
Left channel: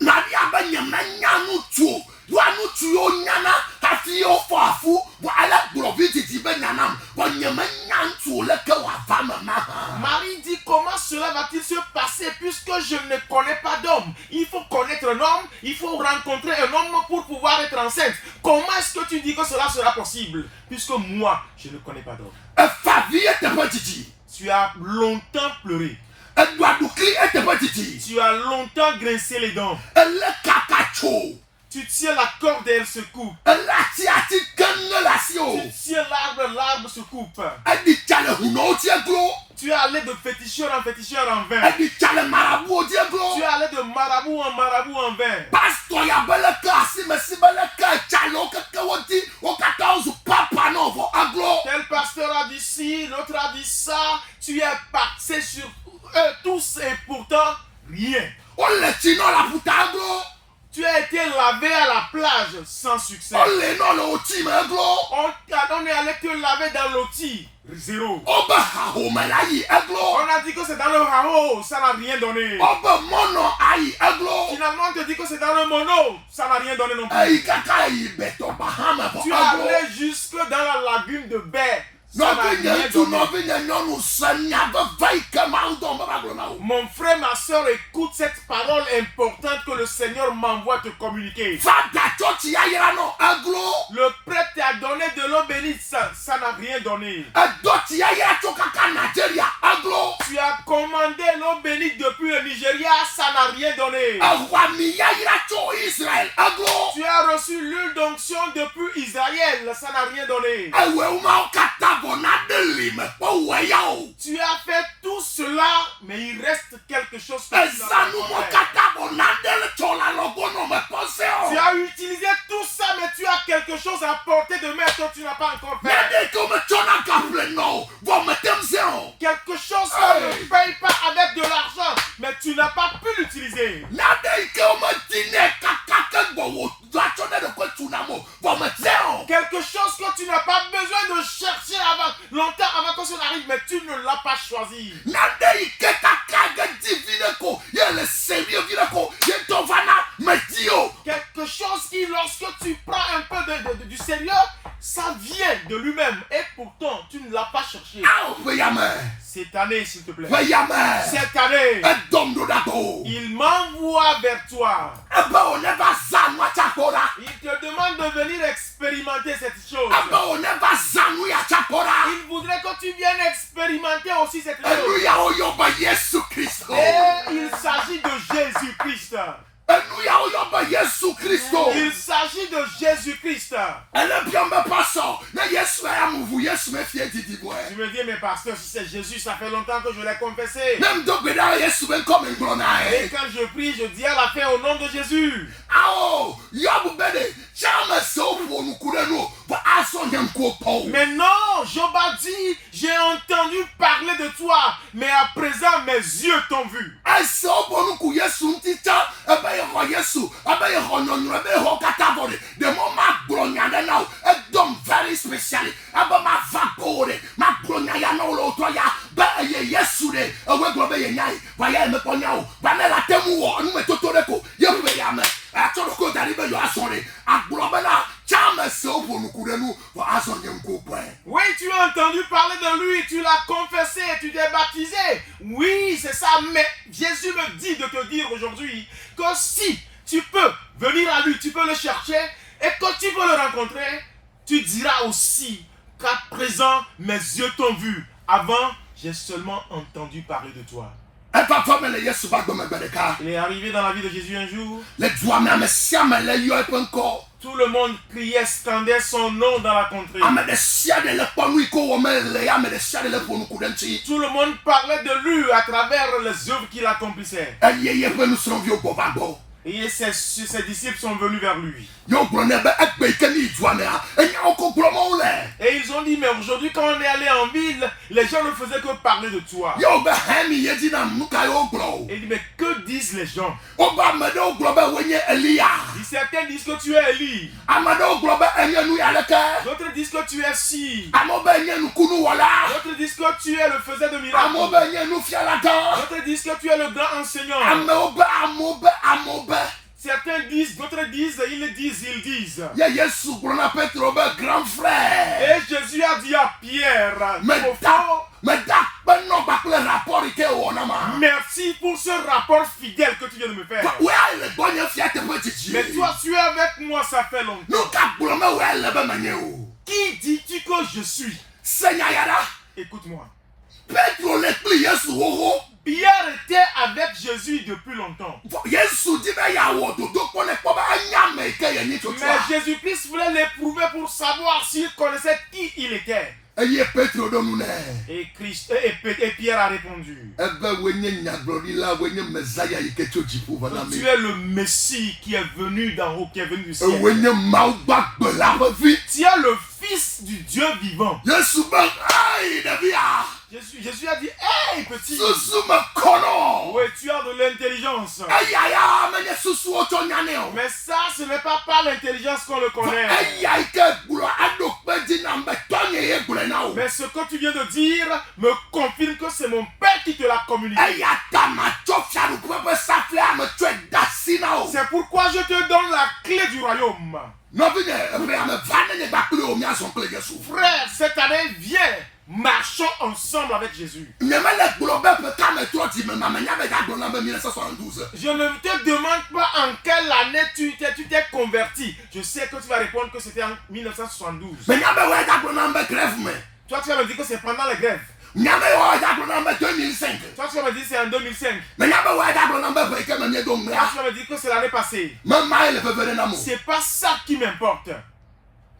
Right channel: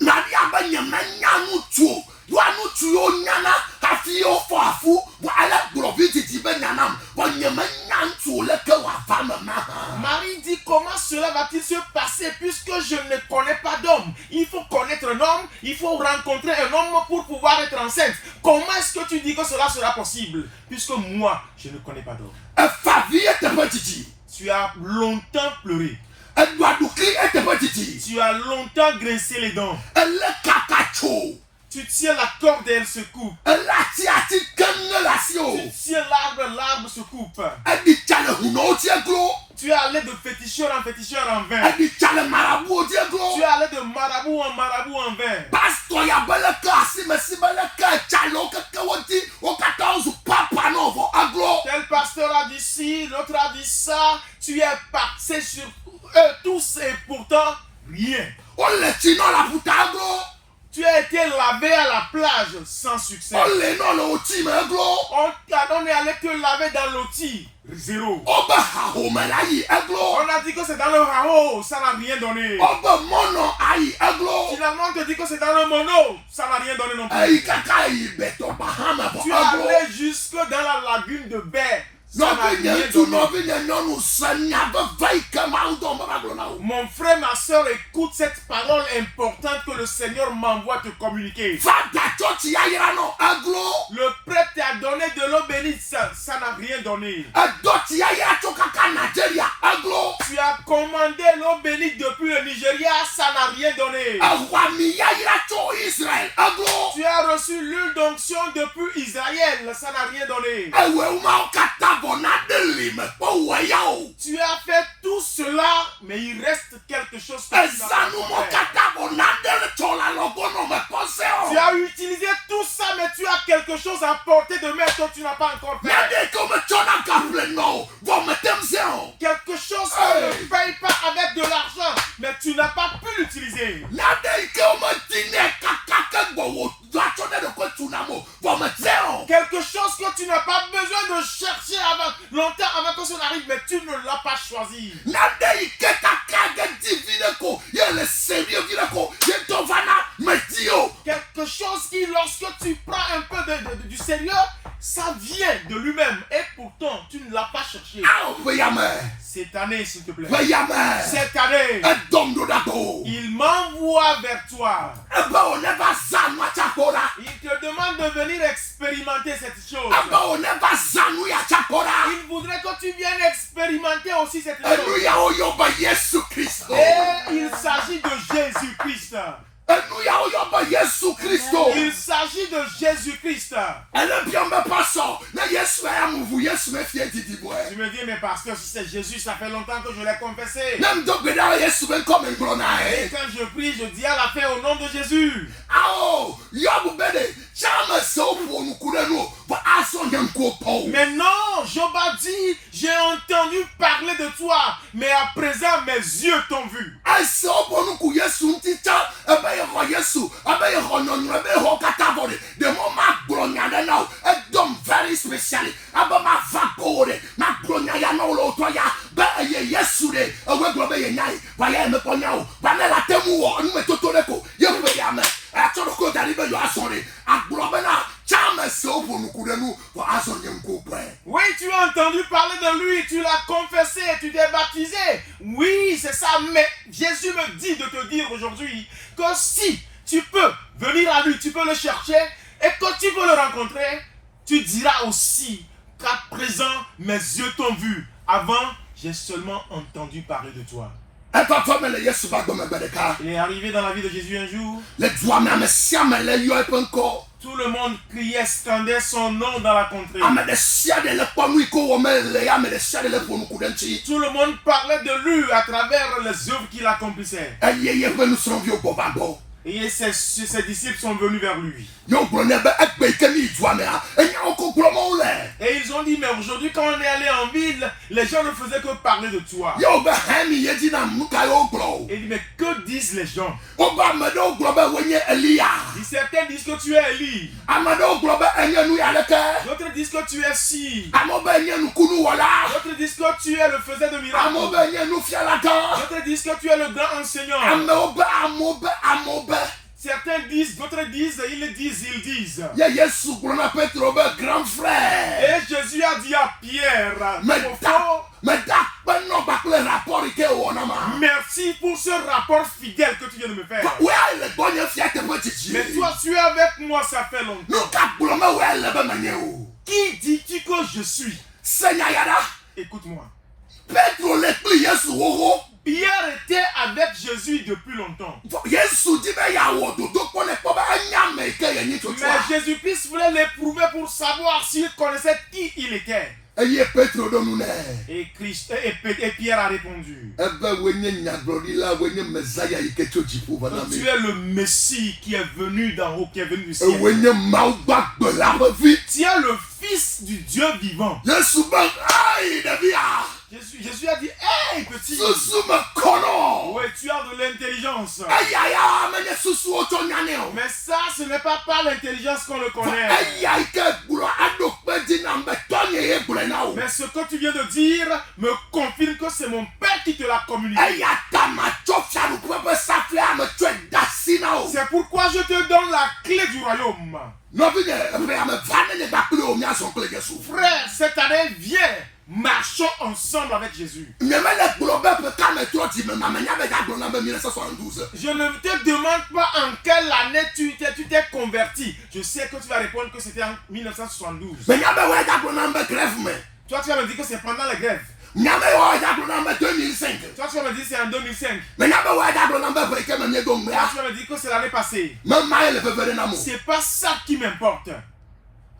Marie a bien nyanya nutu. Wa nutu yo nyana hafi ofo afu wa ala glovi titi be nyanam wa nyama nyantu le ke wa va me ma. Marie dit, comment cela va-t-il se passer puisque je ne connais pas d'homme? Il faut connaître un homme, il faut rencontrer un homme pour pouvoir être enceinte. Comment est-ce que tu dis que cela sera possible puisque moi, je ne connais pas d'homme? E fa vie te pe titi. Tu as longtemps pleuré. E doa dukli te pe titi. Tu as longtemps grincé les dents. E le kakacho. Tu tiens la corde et elle se coupe. E la ti ati ken la si o. Tu tiens l'arbre se coupe. E di chale huno ti glo. Tu es allé de féticheur en vain. E di chale marabout ti glo. Tu es allé de marabout en vain. Pastor ya bele ka si me si bele ka chalo ke woti o 14 papa no vo aglo. Tel pasteur a dit ci, l'autre a dit ça. Tu es passé sur eux tous et pourtant rien. O le ti no la puta aglo. Tu as été lavé à la plage sans succès. O le no le ti me aglo. On est allé te laver dans l'oti. Zéro. O ba ha ho me la yi aglo. On a dit que c'est dans le hao, ça n'a rien donné. O ba mono ai aglo. Finalement, on te dit que c'est dans le mono, ça n'a rien donné non plus. Ai kaka yi beto bahama vo Tu es aglo. allé jusque dans la lagune de Baie. Ça No n'a be rien nye tu donné. no be nye no sanya be vai ka ma do ba aglo na o. Mon frère, ma soeur, écoute cette parole importante que le Seigneur m'envoie te communiquer. Fada choti ya yira no aglo. Le prêtre t'a donné de l'eau bénite, ça n'a rien donné. Adoti ya yira cho kaka Nigeria aglo. Tu as commandé l'eau bénite depuis le Nigeria, ça n'a rien donné. Awami ya yira cho Israel aglo. Tu as reçu l'huile d'onction depuis Israël, ça n'a rien donné. Ewe uma kata bona deli me po weyao. Tu as fait tout cela, mais il reste quelque chose que tu n'as pas Ezanu mo encore fait. kata bona deli chola logo no me poseo. Tu as utilisé tout ça, mais tu as quelque chose à portée de main que tu n'as pas encore fait. Nade ko me chona kaple no. Vo me temseo. Quelque chose qu'on ne paye pas avec de l'argent, mais tu n'as pas pu l'utiliser. Nade ko me tine kaka ke wo do chone de ko tunamo. Vo me teo. Quelque chose que tu n'as pas besoin de chercher longtemps avant que cela arrive, mais tu ne l'as pas choisi. Nade ike kaka ge divine ko. Ye le sérieux vine ko. Ye tovana metio. Quelque chose qui, lorsque tu prends un peu du sérieux, ça vient de lui-même. Et pourtant, tu ne l'as pas cherché. Au veyame. Cette année, s'il te plaît. Veyame. Cette année, Edom do dato. il m'envoie vers toi. Eba o neva zanu achapora. Il te demande de venir expérimenter cette chose. Eba o neva zanu ya chapora. Il voudrait que tu viennes expérimenter aussi cette chose. Enu ya o yoba Yesu Christo. Et il s'agit de Jésus-Christ. Enu ya o yoba Yesu Christo. Il s'agit de Jésus-Christ. Ele bien me passo. Ne Yesu ya muvu Yesu me fie didi boy. Tu me dis, mais pasteur, si c'est Jésus, ça fait longtemps que je l'ai confessé. Nem do beda Yesu ben comme glona Et e. quand je prie, je dis à la fin au nom de Jésus. Ao, yobu bede. Chama so po nu kureno. Va aso nyam ko po. Mais non, Job a dit, j'ai entendu parler de toi, mais à présent mes yeux t'ont vu. Aso po nu ku Yesu ntita. Ebe ye ho Yesu. Ebe ye ho nonu. Ebe ye ho katabore. The moment glonya de now. Edom very specially. Ebe ma vapore. Ma glonya ya no lo to ya. Ba ye Yesu de. Ewe globe ye nyai. Va ye me ponya o. Ba na la temu wo. Onu me totore ko. Ye be ya me. Atoro ko dari be yo asore. Aglobe na. Chama so po nu kurenu. Va aso nyem ko po. Oui, tu as entendu parler de lui, tu l'as confessé, tu t'es baptisé. Oui, c'est ça, mais Jésus me dit de te dire aujourd'hui que si tu peux venir à lui, tu peux le chercher et que tu peux le rencontrer, tu diras aussi qu'à présent, mes yeux t'ont vu. Avant, j'ai seulement entendu parler de toi. E papa me le Yesu ba do me bedeka. Il est arrivé dans la vie de Jésus un jour, Le doa me sia me le yo e penko. tout le monde criait, scandait son nom dans la contrée. Ame de sia de le ponu iko wo me le ya me de sia de le ponu kudenchi. Tout le monde parlait de lui à travers les œuvres qu'il accomplissait. Eye ye pe nu sron vi o bobado. Et ses disciples sont venus vers lui. Yo brone be ekpe ke ni doa me a. Enya o ko promo le. Et ils ont dit, mais aujourd'hui quand on est allé en ville, les gens ne faisaient que parler de toi. Yo be hemi ye di na muka yo glo. Et il dit, mais que disent les gens? O ba me do glo be wenye Elia. Il dit, certains disent que tu es Élie. Amado glo be enye nu ya leke. D'autres disent que tu es si. Amo be enye nu kunu wala. D'autres disent que tu es le faiseur de Amo miracles. be enye nu fialata. D'autres disent que tu es le grand enseignant. Amo be Certains disent, d'autres disent, ils disent. Ye Yesu gblɔ na Petro be grand frère. Et Jésus a dit à Pierre, Meda kpenɔ kpakple rapport yi ke wɔ na ma. merci pour ce rapport fidèle que tu viens de me faire. Wea le gbɔ nye fia teƒe tsitsi. Mais toi, tu es avec moi, ça fait longtemps. Nu ka gblɔ me wea le be menye o. Qui dis-tu que je suis? Senya ya ɖa. Écoute-moi. Petro le kpli Yesu xoxo. Pierre était avec Jésus depuis longtemps. Yesu di be yawɔ dodo kpɔ ne kpɔ be enya me yi ke ye nyi Mais tsotsua. Jésus-Christ voulait l'éprouver pour savoir s'il connaissait qui il était. Eye Petro ɖo nu nɛ. Et Pierre a répondu. Ebe wo nye nyagblɔɖila, wo nye Mesaya yi ke tso dziƒo va na mi. Tu es le Messie qui est venu d'en haut, qui est venu du ciel. Wo nye Mawu gbagbe la ƒe vi. Tu es le Fils du Dieu vivant. Yesu be ayi ɖevia. Jésus a dit, hey petit, Susu me kɔnɔ. oui, tu as de l'intelligence. Eya ya menye susuwo tso nyane o. Mais ça, ce n'est pas par l'intelligence qu'on le connaît. Eya yi ke gblɔ aɖo kpe dzi na be tɔnye ye gblɔe na o. Mais ce que tu viens de dire me confirme que c'est mon Père qui te l'a communiqué. Eya ta matsɔ fiaɖuƒe ƒe safle ame tsɔe da si na o. C'est pourquoi je te donne la clé du royaume. Nɔvinye ebe ame va ne nye gbakple o miazɔ kple Yesu. Frère, cette année, viens, marchons ensemble avec Jésus. Nyemele gblɔ be ƒe kame trɔ dzi me ma menya be gagblɔ na be 1972. Je ne te demande pas en quelle année tu t'es converti. Je sais que tu vas répondre que c'était en 1972. Menya be wɔe gagblɔ na be grève me. Toi, tu vas me dire que c'est pendant la grève. Nyame wɔe gagblɔ na be 2005. Toi, tu vas me dire que c'est en 2005. Menya be wɔe gagblɔ na be ƒe yi ke me mie do Toi, ŋmea. tu vas me dire que c'est l'année passée. Mema ye le veve ɖe na mo. C'est pas ça qui m'importe.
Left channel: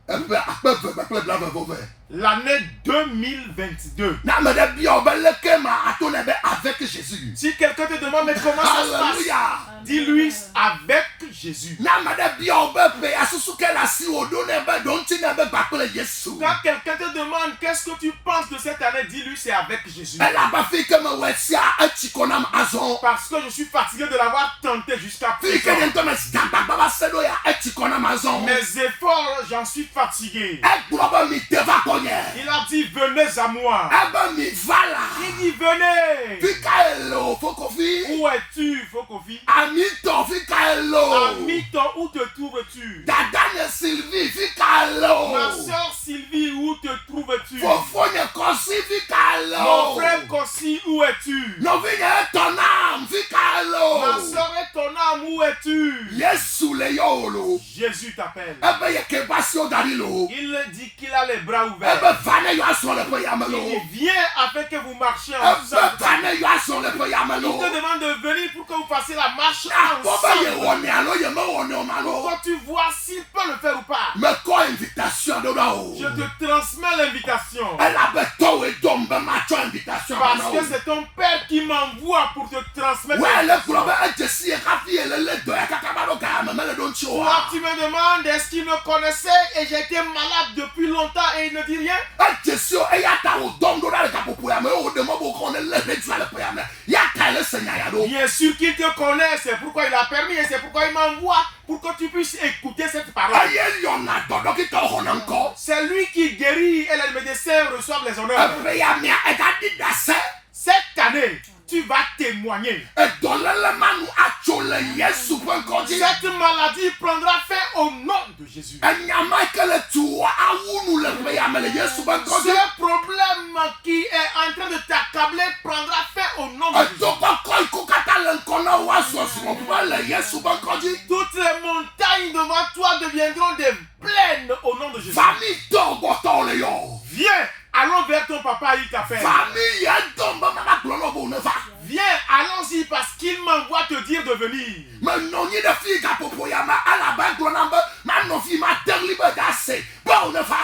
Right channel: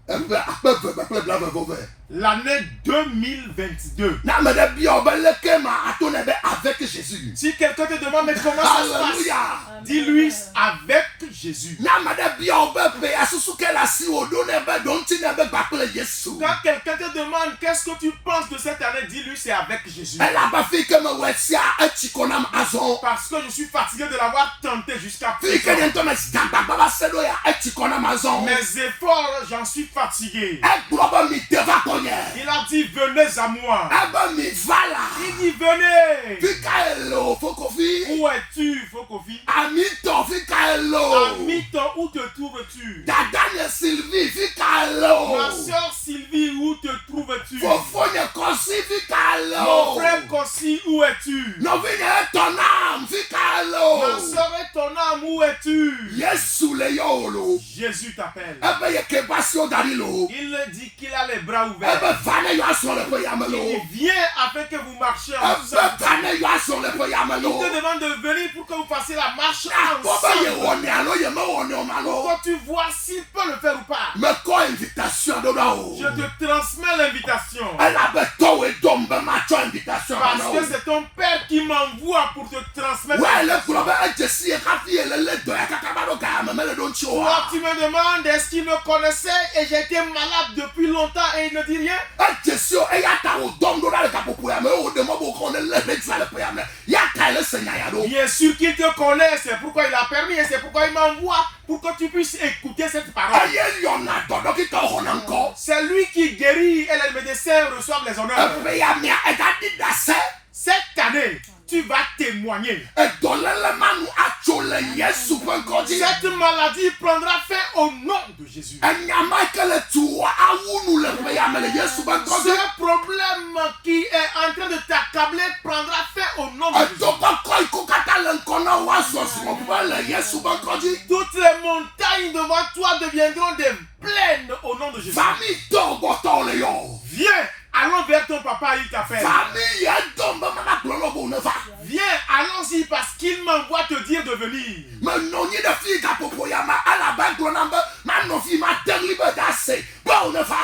Ebe akpe ve kple blavevo ve. L'année 2022. Na ame ɖe bia wo be leke ma ato ne be avec Jésus. Si quelqu'un te demande mais comment ça se passe, Alléluia. dis-lui avec Jésus. Na ame ɖe bia wo be pe asusu ke le asi wo ɖo ne be ɖo ŋuti ne be gbakple Yesu. Quand quelqu'un te demande qu'est-ce que tu penses de cette année, dis-lui c'est avec Jésus. Elabe fi ke me wɔ sia etsi kɔ nam azɔ. Parce que je suis fatigué de l'avoir tenté jusqu'à Fi ke présent. ne ŋutɔ me si gãgbagba va se ɖo ya etsi kɔ nam azɔ. Mes efforts, j'en suis fatigué. Egblɔ be mi te va kɔnye. Il a dit venez à moi. Ebe mi va la. Il dit venez. Fi ka ele o fokofi. Où es-tu, Fokofi? Amitɔ fi ka ele o. Amiton, où te trouves-tu? Dada nye Sylvie fi ka ele o. Ma soeur Sylvie, où te trouves-tu? Fofo nye Kɔsi fi ka ele Mon o. frère Kossi, où es-tu? Nɔvinye etɔ nam fi ka ele Ma o. soeur et ton âme, où es-tu? Yesu le yɔ o lo. Jésus t'appelle. Ebe ye ke basi o da ɖi lo. Il dit qu'il a les bras ouverts. Ebe va ne yɔ asɔ le ƒe yame lo. Il vient afin que vous marchiez Ebe ensemble. va ne yɔ asɔ le ƒe yame Il lo. te demande de venir pour que vous fassiez la marche Akpɔ be ye ensemble. wɔ ne alo ye me wɔ ne o ma lo. Quand tu vois s'il peut le faire ou pas. Mekɔ invitation ɖo ɖa o. Je te transmets l'invitation. Elabe tɔwoe dɔm be matsɔ invitation Parce na que o. c'est ton père qui m'envoie pour te transmettre Wɛ le l'invitation. gblɔ be edze si ye hafi ye le le dɔ ya kaka va ɖo ga me mele ɖo ŋuti o Toi, wa. tu me demandes est-ce qu'il me connaissait et j'étais malade depuis longtemps et il ne dit rien. Edze si o eya ta wo dɔm ɖo ɖa le gaƒoƒo ya me wo ɖe mɔ bo kɔ ne le ɖe le ƒe ya me. Ya ka le se nya ya ɖo. Bien sûr qu'il te connaît, c'est pourquoi il a permis et c'est pourquoi il m'envoie pour que tu puisses écouter cette parole. Eye yɔna dɔ dɔkitawo xɔna ŋkɔ. C'est lui qui guérit et les médecins reçoivent les honneurs. Ebe ya mia egaɖi ɖase. Cette année, tu vas témoigner. Edɔléle manu atso le Yesu ƒe ŋkɔ dzi. Cette maladie prendra fin au nom de Jésus. Enyama yi ke le tu wɔ awu nu le ƒe ya me le Yesu ƒe ŋkɔ dzi. Ce problème qui est en train de t'accabler prendra fin au nom de Jésus. Edo kɔkɔ yi ko katã le ŋkɔ na wo azɔ srɔ̃ƒe le Yesu ƒe ŋkɔ dzi. Toutes les montagnes devant toi deviendront des plaines au nom de Jésus. Fami dɔ gbɔtɔ le yɔ. Viens, allons vers ton papa, il t'appelle. Fami yɛ dɔm be mama gblɔ lɔ bo ne va. Viens, allons-y parce qu'il m'envoie te dire de venir. Menɔ nyi ɖe fi gaƒoƒo ya me alabe gblɔ nam be manɔ fi ma teɣli be ɖase be wo ne va.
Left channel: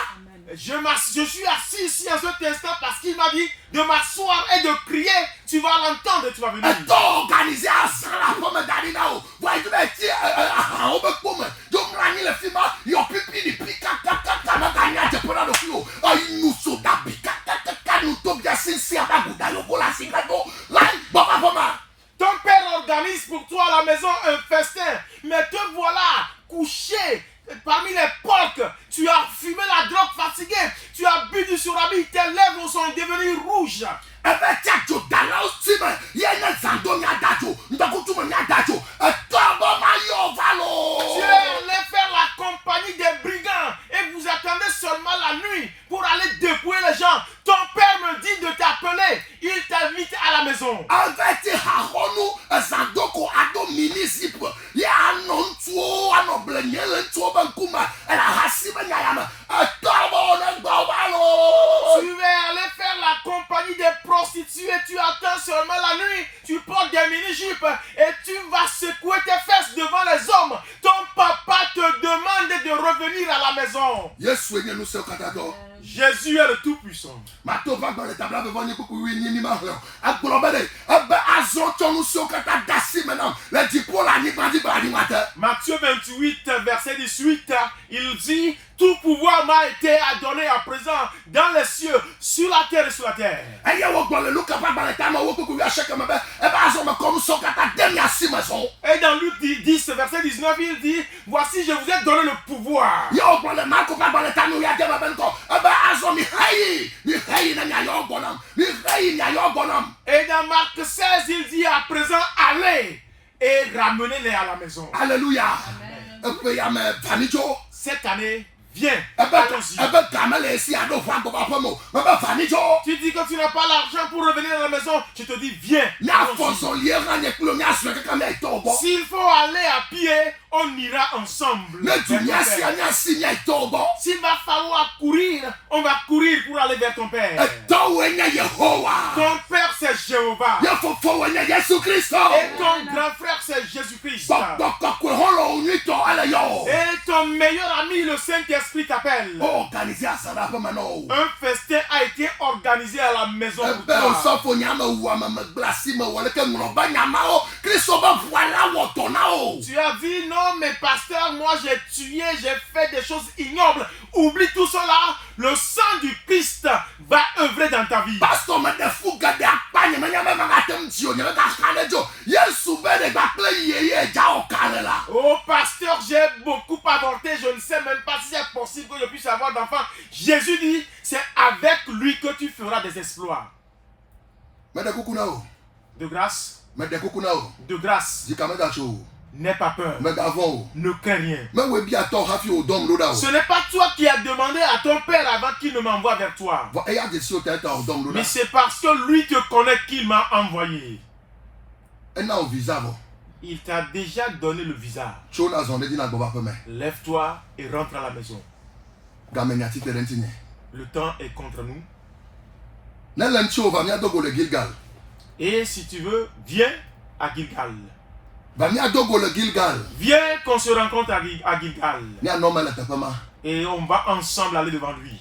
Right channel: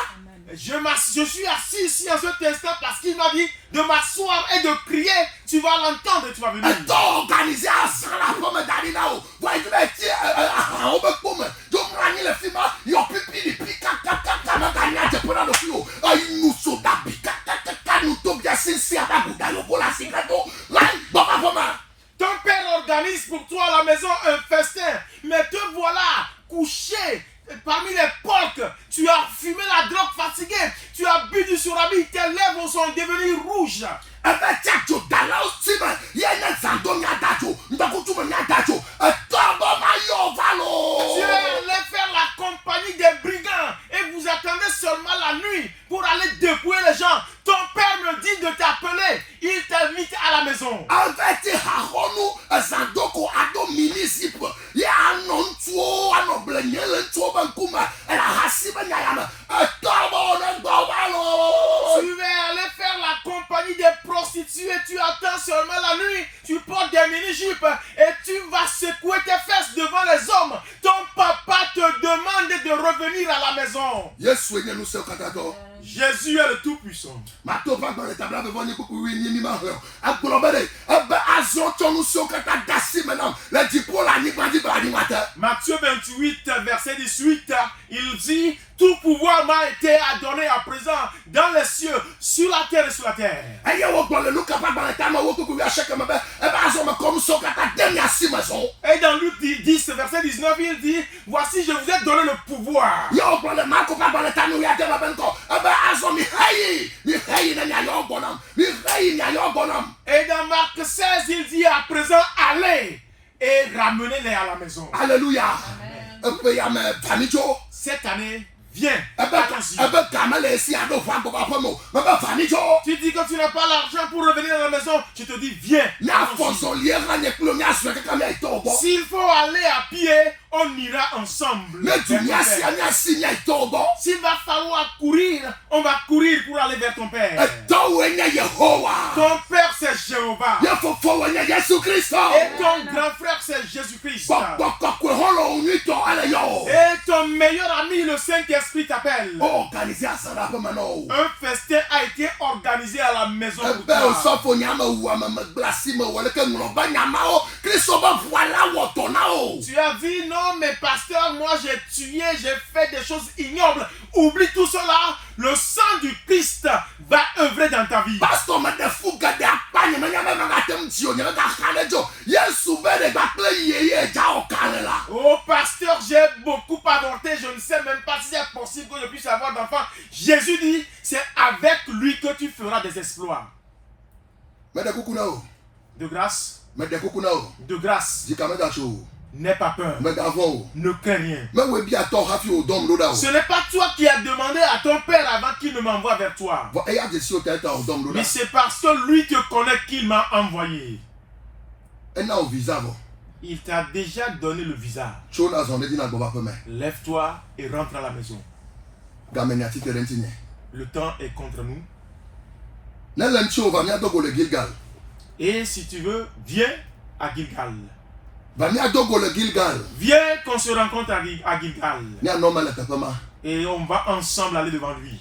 Je suis assis ici en cet instant parce qu'il m'a dit de m'asseoir et de prier. Tu vas l'entendre et tu vas venir. Etɔ organise azã le aƒeme da ɖi na wo. Wa yi ɖe ti ahawo be kpome. Do mlɔ anyi le fi ma yɔ pipi ɖi pi kakakaka meganya dze ƒe na ɖokui o. Eyi nu so dabi kakakaka nu tobia sisi abe aguda yɔvo le asi gã do. Lai gbɔ va ƒe ma. Ton père organise pour toi à la maison un festin. Mais te voilà couché parmi les porcs. Tu as fumé la drogue fatigué. Tu as bu du surabi. Tes lèvres sont devenues rouges. Ebe tia dzo dalawo si me ye nye zãdo nya da dzo ŋdɔkutsu me nya da dzo etɔ be ma yɔ va à la maison. Avec Haronu, Zandoko, Ado municipal. Ya non tuo, anoble nyele tuo bankuma. Elle a hassima nyayama. Tu vas aller faire la compagnie des prostituées. Tu attends seulement la nuit. Tu portes des mini-jupes et tu vas secouer tes fesses devant les hommes. Ton papa te demande de revenir à la maison. Yesu enye nous sommes katato. Jésus est le Tout-Puissant. Mato va dans le tableau devant nous pour oui ni ma. Agbonobede, aba azonto nous sommes katadasi maintenant. Le dipo la ni bandi bandi mata. Matthieu 28, verset 18, il dit: tout pouvoir m'a été donné à présent dans les cieux, sur la terre et sur la terre. Aye wo gbon le luka pa dans le tama wo kuku ya cheke mebe. Eba azon comme so katademi asimason. Et dans Luc 10, verset 19, il dit: voici, je vous ai donné le pouvoir. Yo gbon le marco pa dans le tama ya dema benko. Eba azon mi hayi na nya yo gbonam. Mi hayi nya yo gbonam. Et dans Marc 16, il dit: à présent, allez et ramenez-les à la maison. Alléluia. Cette année, viens. Tu dis que tu n'as pas l'argent pour revenir à la maison. Je te dis, viens. S'il faut aller à pied, on ira ensemble. S'il va falloir courir, on va courir pour aller vers ton Père. Ton Père, c'est Jéhovah. Et ton grand frère, c'est Jésus-Christ. Et ton meilleur ami, le Saint-Esprit, t'appelle. Un festin a été organisé à la maison pour toi. Tu as dit: non, mais pasteur, moi j'ai tué, j'ai fait des choses ignobles. Oublie tout cela. Le sang du Christ va œuvrer dans ta vie. Oh pasteur, j'ai beaucoup avorté. Je ne sais même pas si c'est possible que je puisse avoir d'enfants. Jésus dit: c'est avec lui que tu feras des exploits. De grâce. De grâce. N'aie pas peur. Ne crains rien. Ce n'est pas toi qui as demandé à ton père avant qu'il ne m'envoie vers toi. Mais c'est parce que lui te connaît qu'il m'a envoyé. Il t'a déjà donné le visa. Lève-toi et rentre à la maison. Le temps est contre nous. Et si tu veux, viens à Gilgal. Viens qu'on se rencontre à Gilgal. Et on va ensemble aller devant lui.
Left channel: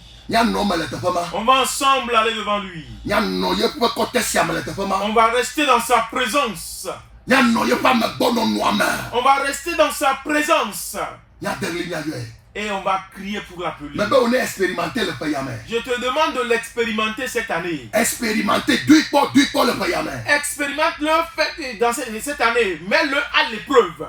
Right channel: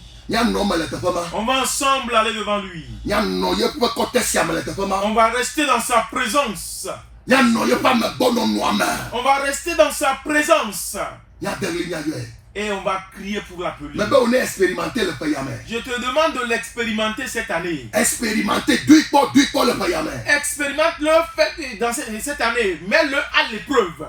On va ensemble aller devant lui. On va rester dans sa présence. On va rester dans sa présence. Et on va crier pour l'appeler. Je te demande de l'expérimenter cette année. Expérimente-le dans cette année. Mets-le à l'épreuve.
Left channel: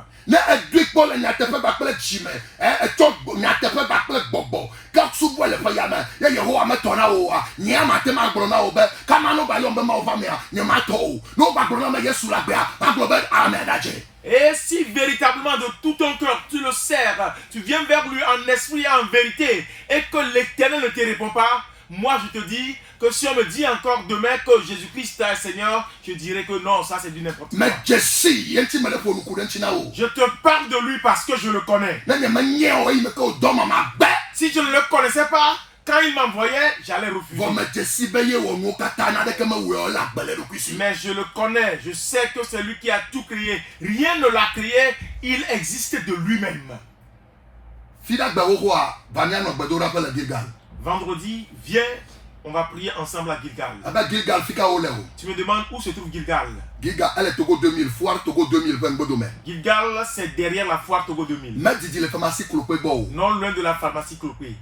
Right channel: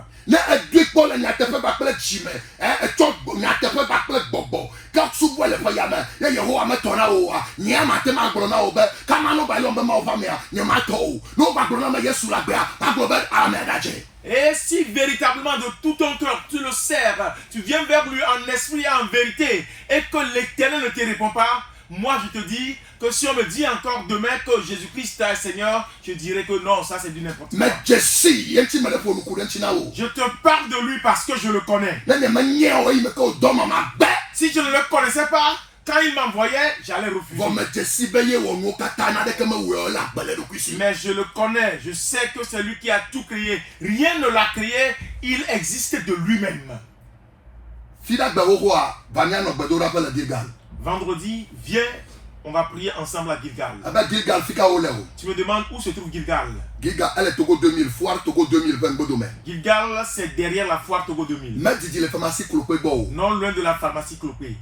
Et si véritablement de tout ton cœur tu le sers, tu viens vers lui en esprit et en vérité, et que l'Éternel ne te répond pas, moi je te dis que si on me dit encore demain que Jésus-Christ est Seigneur, je dirais que non, ça c'est du n'importe quoi. Je te parle de lui parce que je le connais. Si je ne le connaissais pas, quand il m'envoyait, j'allais refuser. Mais je le connais, je sais que c'est lui qui a tout créé. Rien ne l'a créé, il existe de lui-même. Vendredi, viens, on va prier ensemble à Gilgal. Tu me demandes où se trouve Gilgal? Gilgal, c'est derrière la foire Togo 2000. Non loin de la pharmacie Clopé.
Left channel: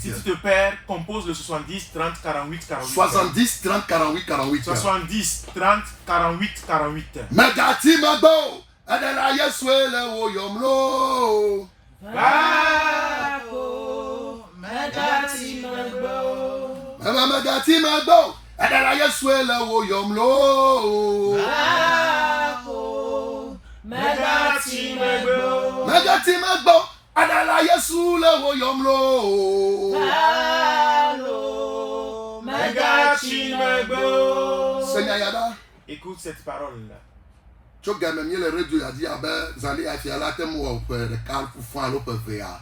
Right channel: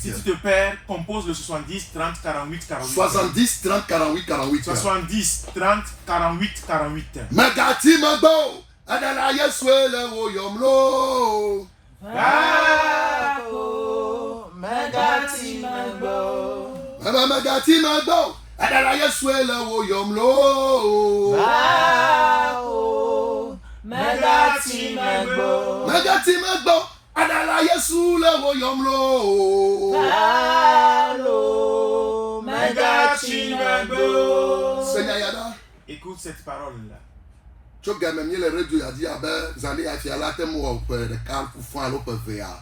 Si tu te perds, compose le 70 30 48 48. 70 30 48 48. 70 30 48 48. Magati Magbo, Adala Yeswele Oyomlo. Magati Magbo. Magati Magbo, Adala Yeswele Oyomlo. Magati Magbo. Magati Magbo, Adala Yeswele Oyomlo. Magati Seigneur Yada. Écoute cette parole-là. Tu gagnes mieux le radio, il a dit, ah ben, vous allez à faire la thème ou le car pour faire l'autre VA.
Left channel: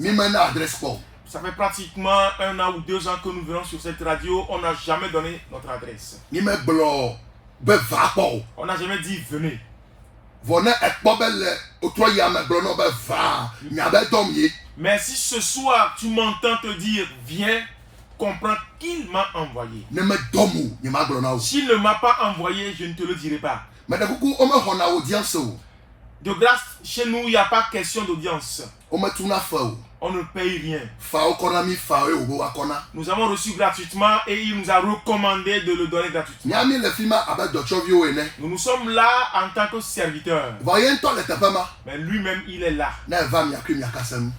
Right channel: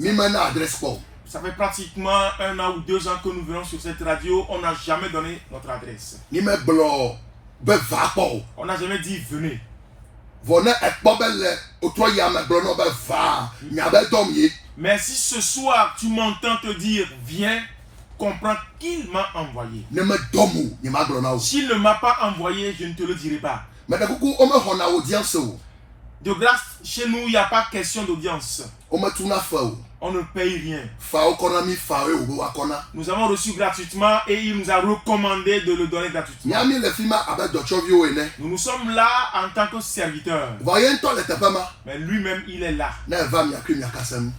Ni maintenant adresse pas. Ça fait pratiquement 1 an ou 2 ans que nous venons sur cette radio. On n'a jamais donné notre adresse. Ni me blo, be va pas. On n'a jamais dit venez. Venez et pas belle, au toi y a me blo no be va. Ni a be dormi. Mais si ce soir tu m'entends te dire viens, comprends qu'il m'a envoyé. Ne me domu, ni ma blo na. S'il ne m'a pas envoyé, je ne te le dirai pas. Mais de beaucoup, on me rend audience. De grâce, chez nous, il n'y a pas question d'audience. On me tourne à feu. On ne paye rien. Nous avons reçu gratuitement et il nous a recommandé de le donner gratuitement. Nous nous sommes là en tant que serviteurs. Mais lui-même, il est là.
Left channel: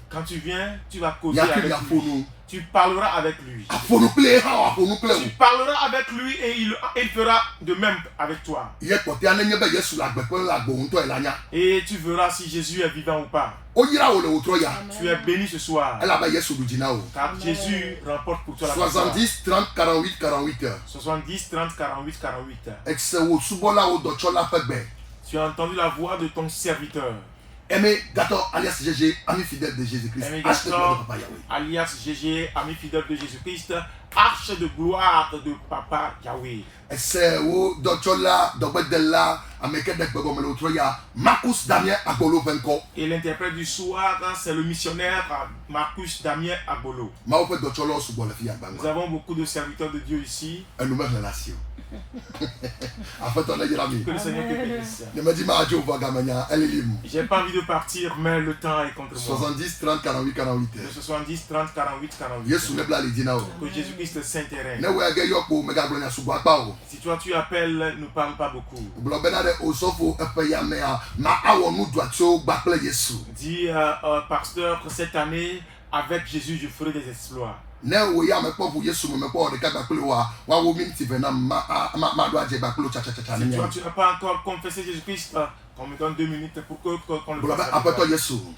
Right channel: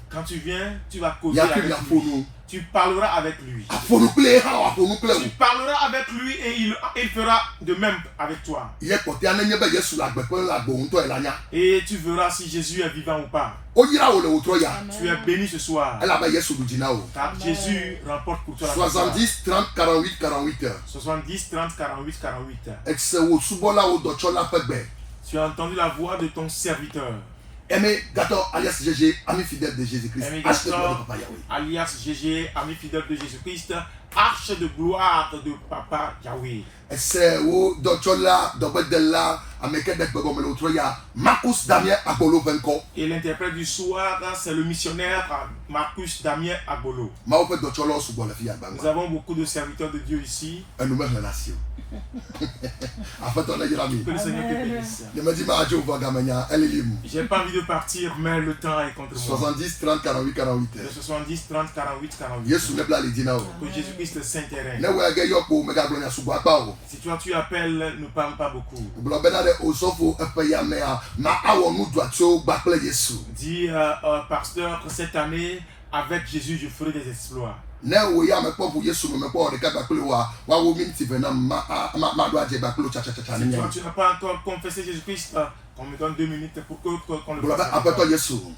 Quand tu viens, tu vas causer avec lui. Tu parleras avec lui. Tu parleras avec lui et il fera de même avec toi. Et tu verras si Jésus est vivant ou pas. Tu es béni ce soir. Car Jésus remporte pour toi la 70, 30, 48, 48. 70, 30, 48, 48. Tu as entendu la voix de ton serviteur. Aimé Gator, alias GG, ami fidèle de Jésus-Christ. Aimé Gator, alias GG, ami fidèle de Jésus-Christ. Arche de gloire de Papa Yahweh. C'est où docteur là, Marcus Damien Agbolo Venko. Et l'interprète du soir, c'est le missionnaire Marcus Damien Agbolo. Nous avons beaucoup de serviteurs de Dieu ici. Que le Seigneur te bénisse. J'ai pas envie de partir, mais le temps est contre moi. 70, 30, 48, 48. 70, 30, 48, 48. Que Jésus-Christ le Saint-Terrain. Si toi tu appelles, ne parle pas beaucoup. Dis, pasteur, cette année, avec Jésus, je ferai des exploits. Si toi tu n'as pas encore confessé Jésus-Christ, on me donne 2 minutes pour qu'on le fasse.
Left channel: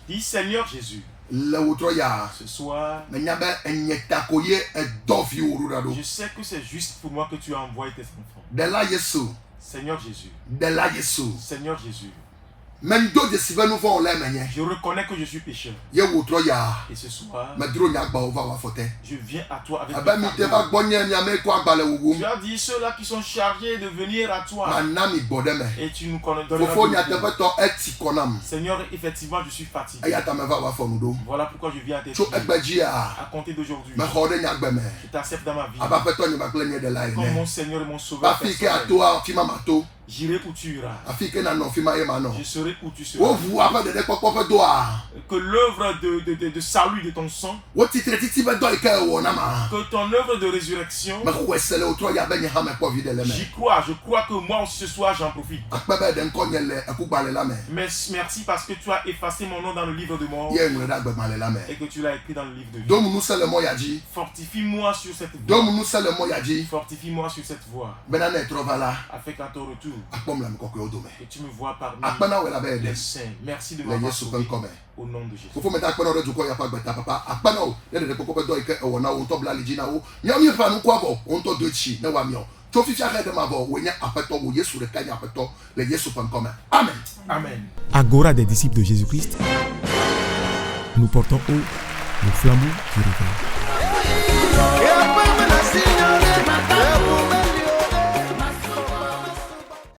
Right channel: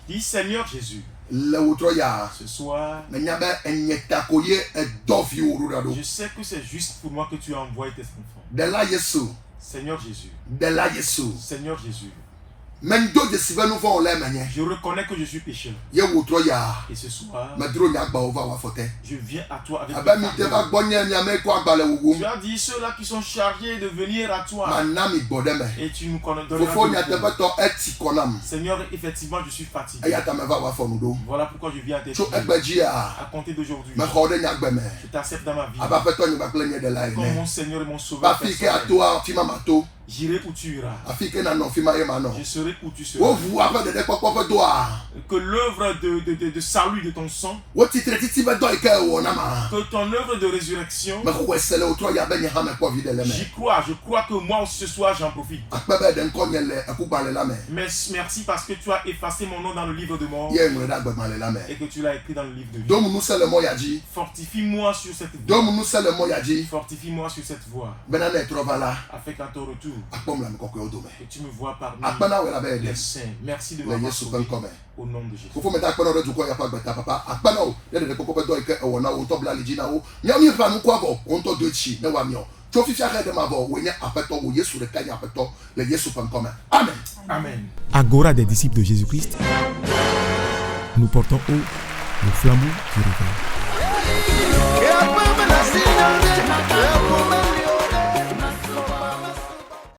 Dis Seigneur Jésus. Ce soir, je sais que c'est juste pour moi que tu as envoyé tes enfants. Seigneur Jésus. Seigneur Jésus. Je reconnais que je suis pécheur. Et ce soir, je viens à toi avec tu as dit ceux-là qui sont chargés de venir à toi. Et tu nous connais. Seigneur, effectivement, je suis fatigué. Voilà pourquoi je viens à tes pieds. À compter d'aujourd'hui, je t'accepte dans ma vie. Comme mon Seigneur et mon Sauveur. J'irai où tu iras. Je serai où tu seras. Que l'œuvre de salut de ton sang, que ton œuvre de résurrection, j'y crois. Je crois que moi aussi ce soir j'en profite. Mais merci parce que tu as effacé mon nom dans le livre de mort et que tu l'as écrit dans le livre de vie. Fortifie-moi sur cette voie. Fortifie-moi sur cette voie. Afin qu'à ton retour, que tu me vois parmi les saints. Merci de m'avoir sauvé au nom de Jésus. Amen. Agora des disciples de Jésus-Christ, nous portons haut le flambeau du réveil.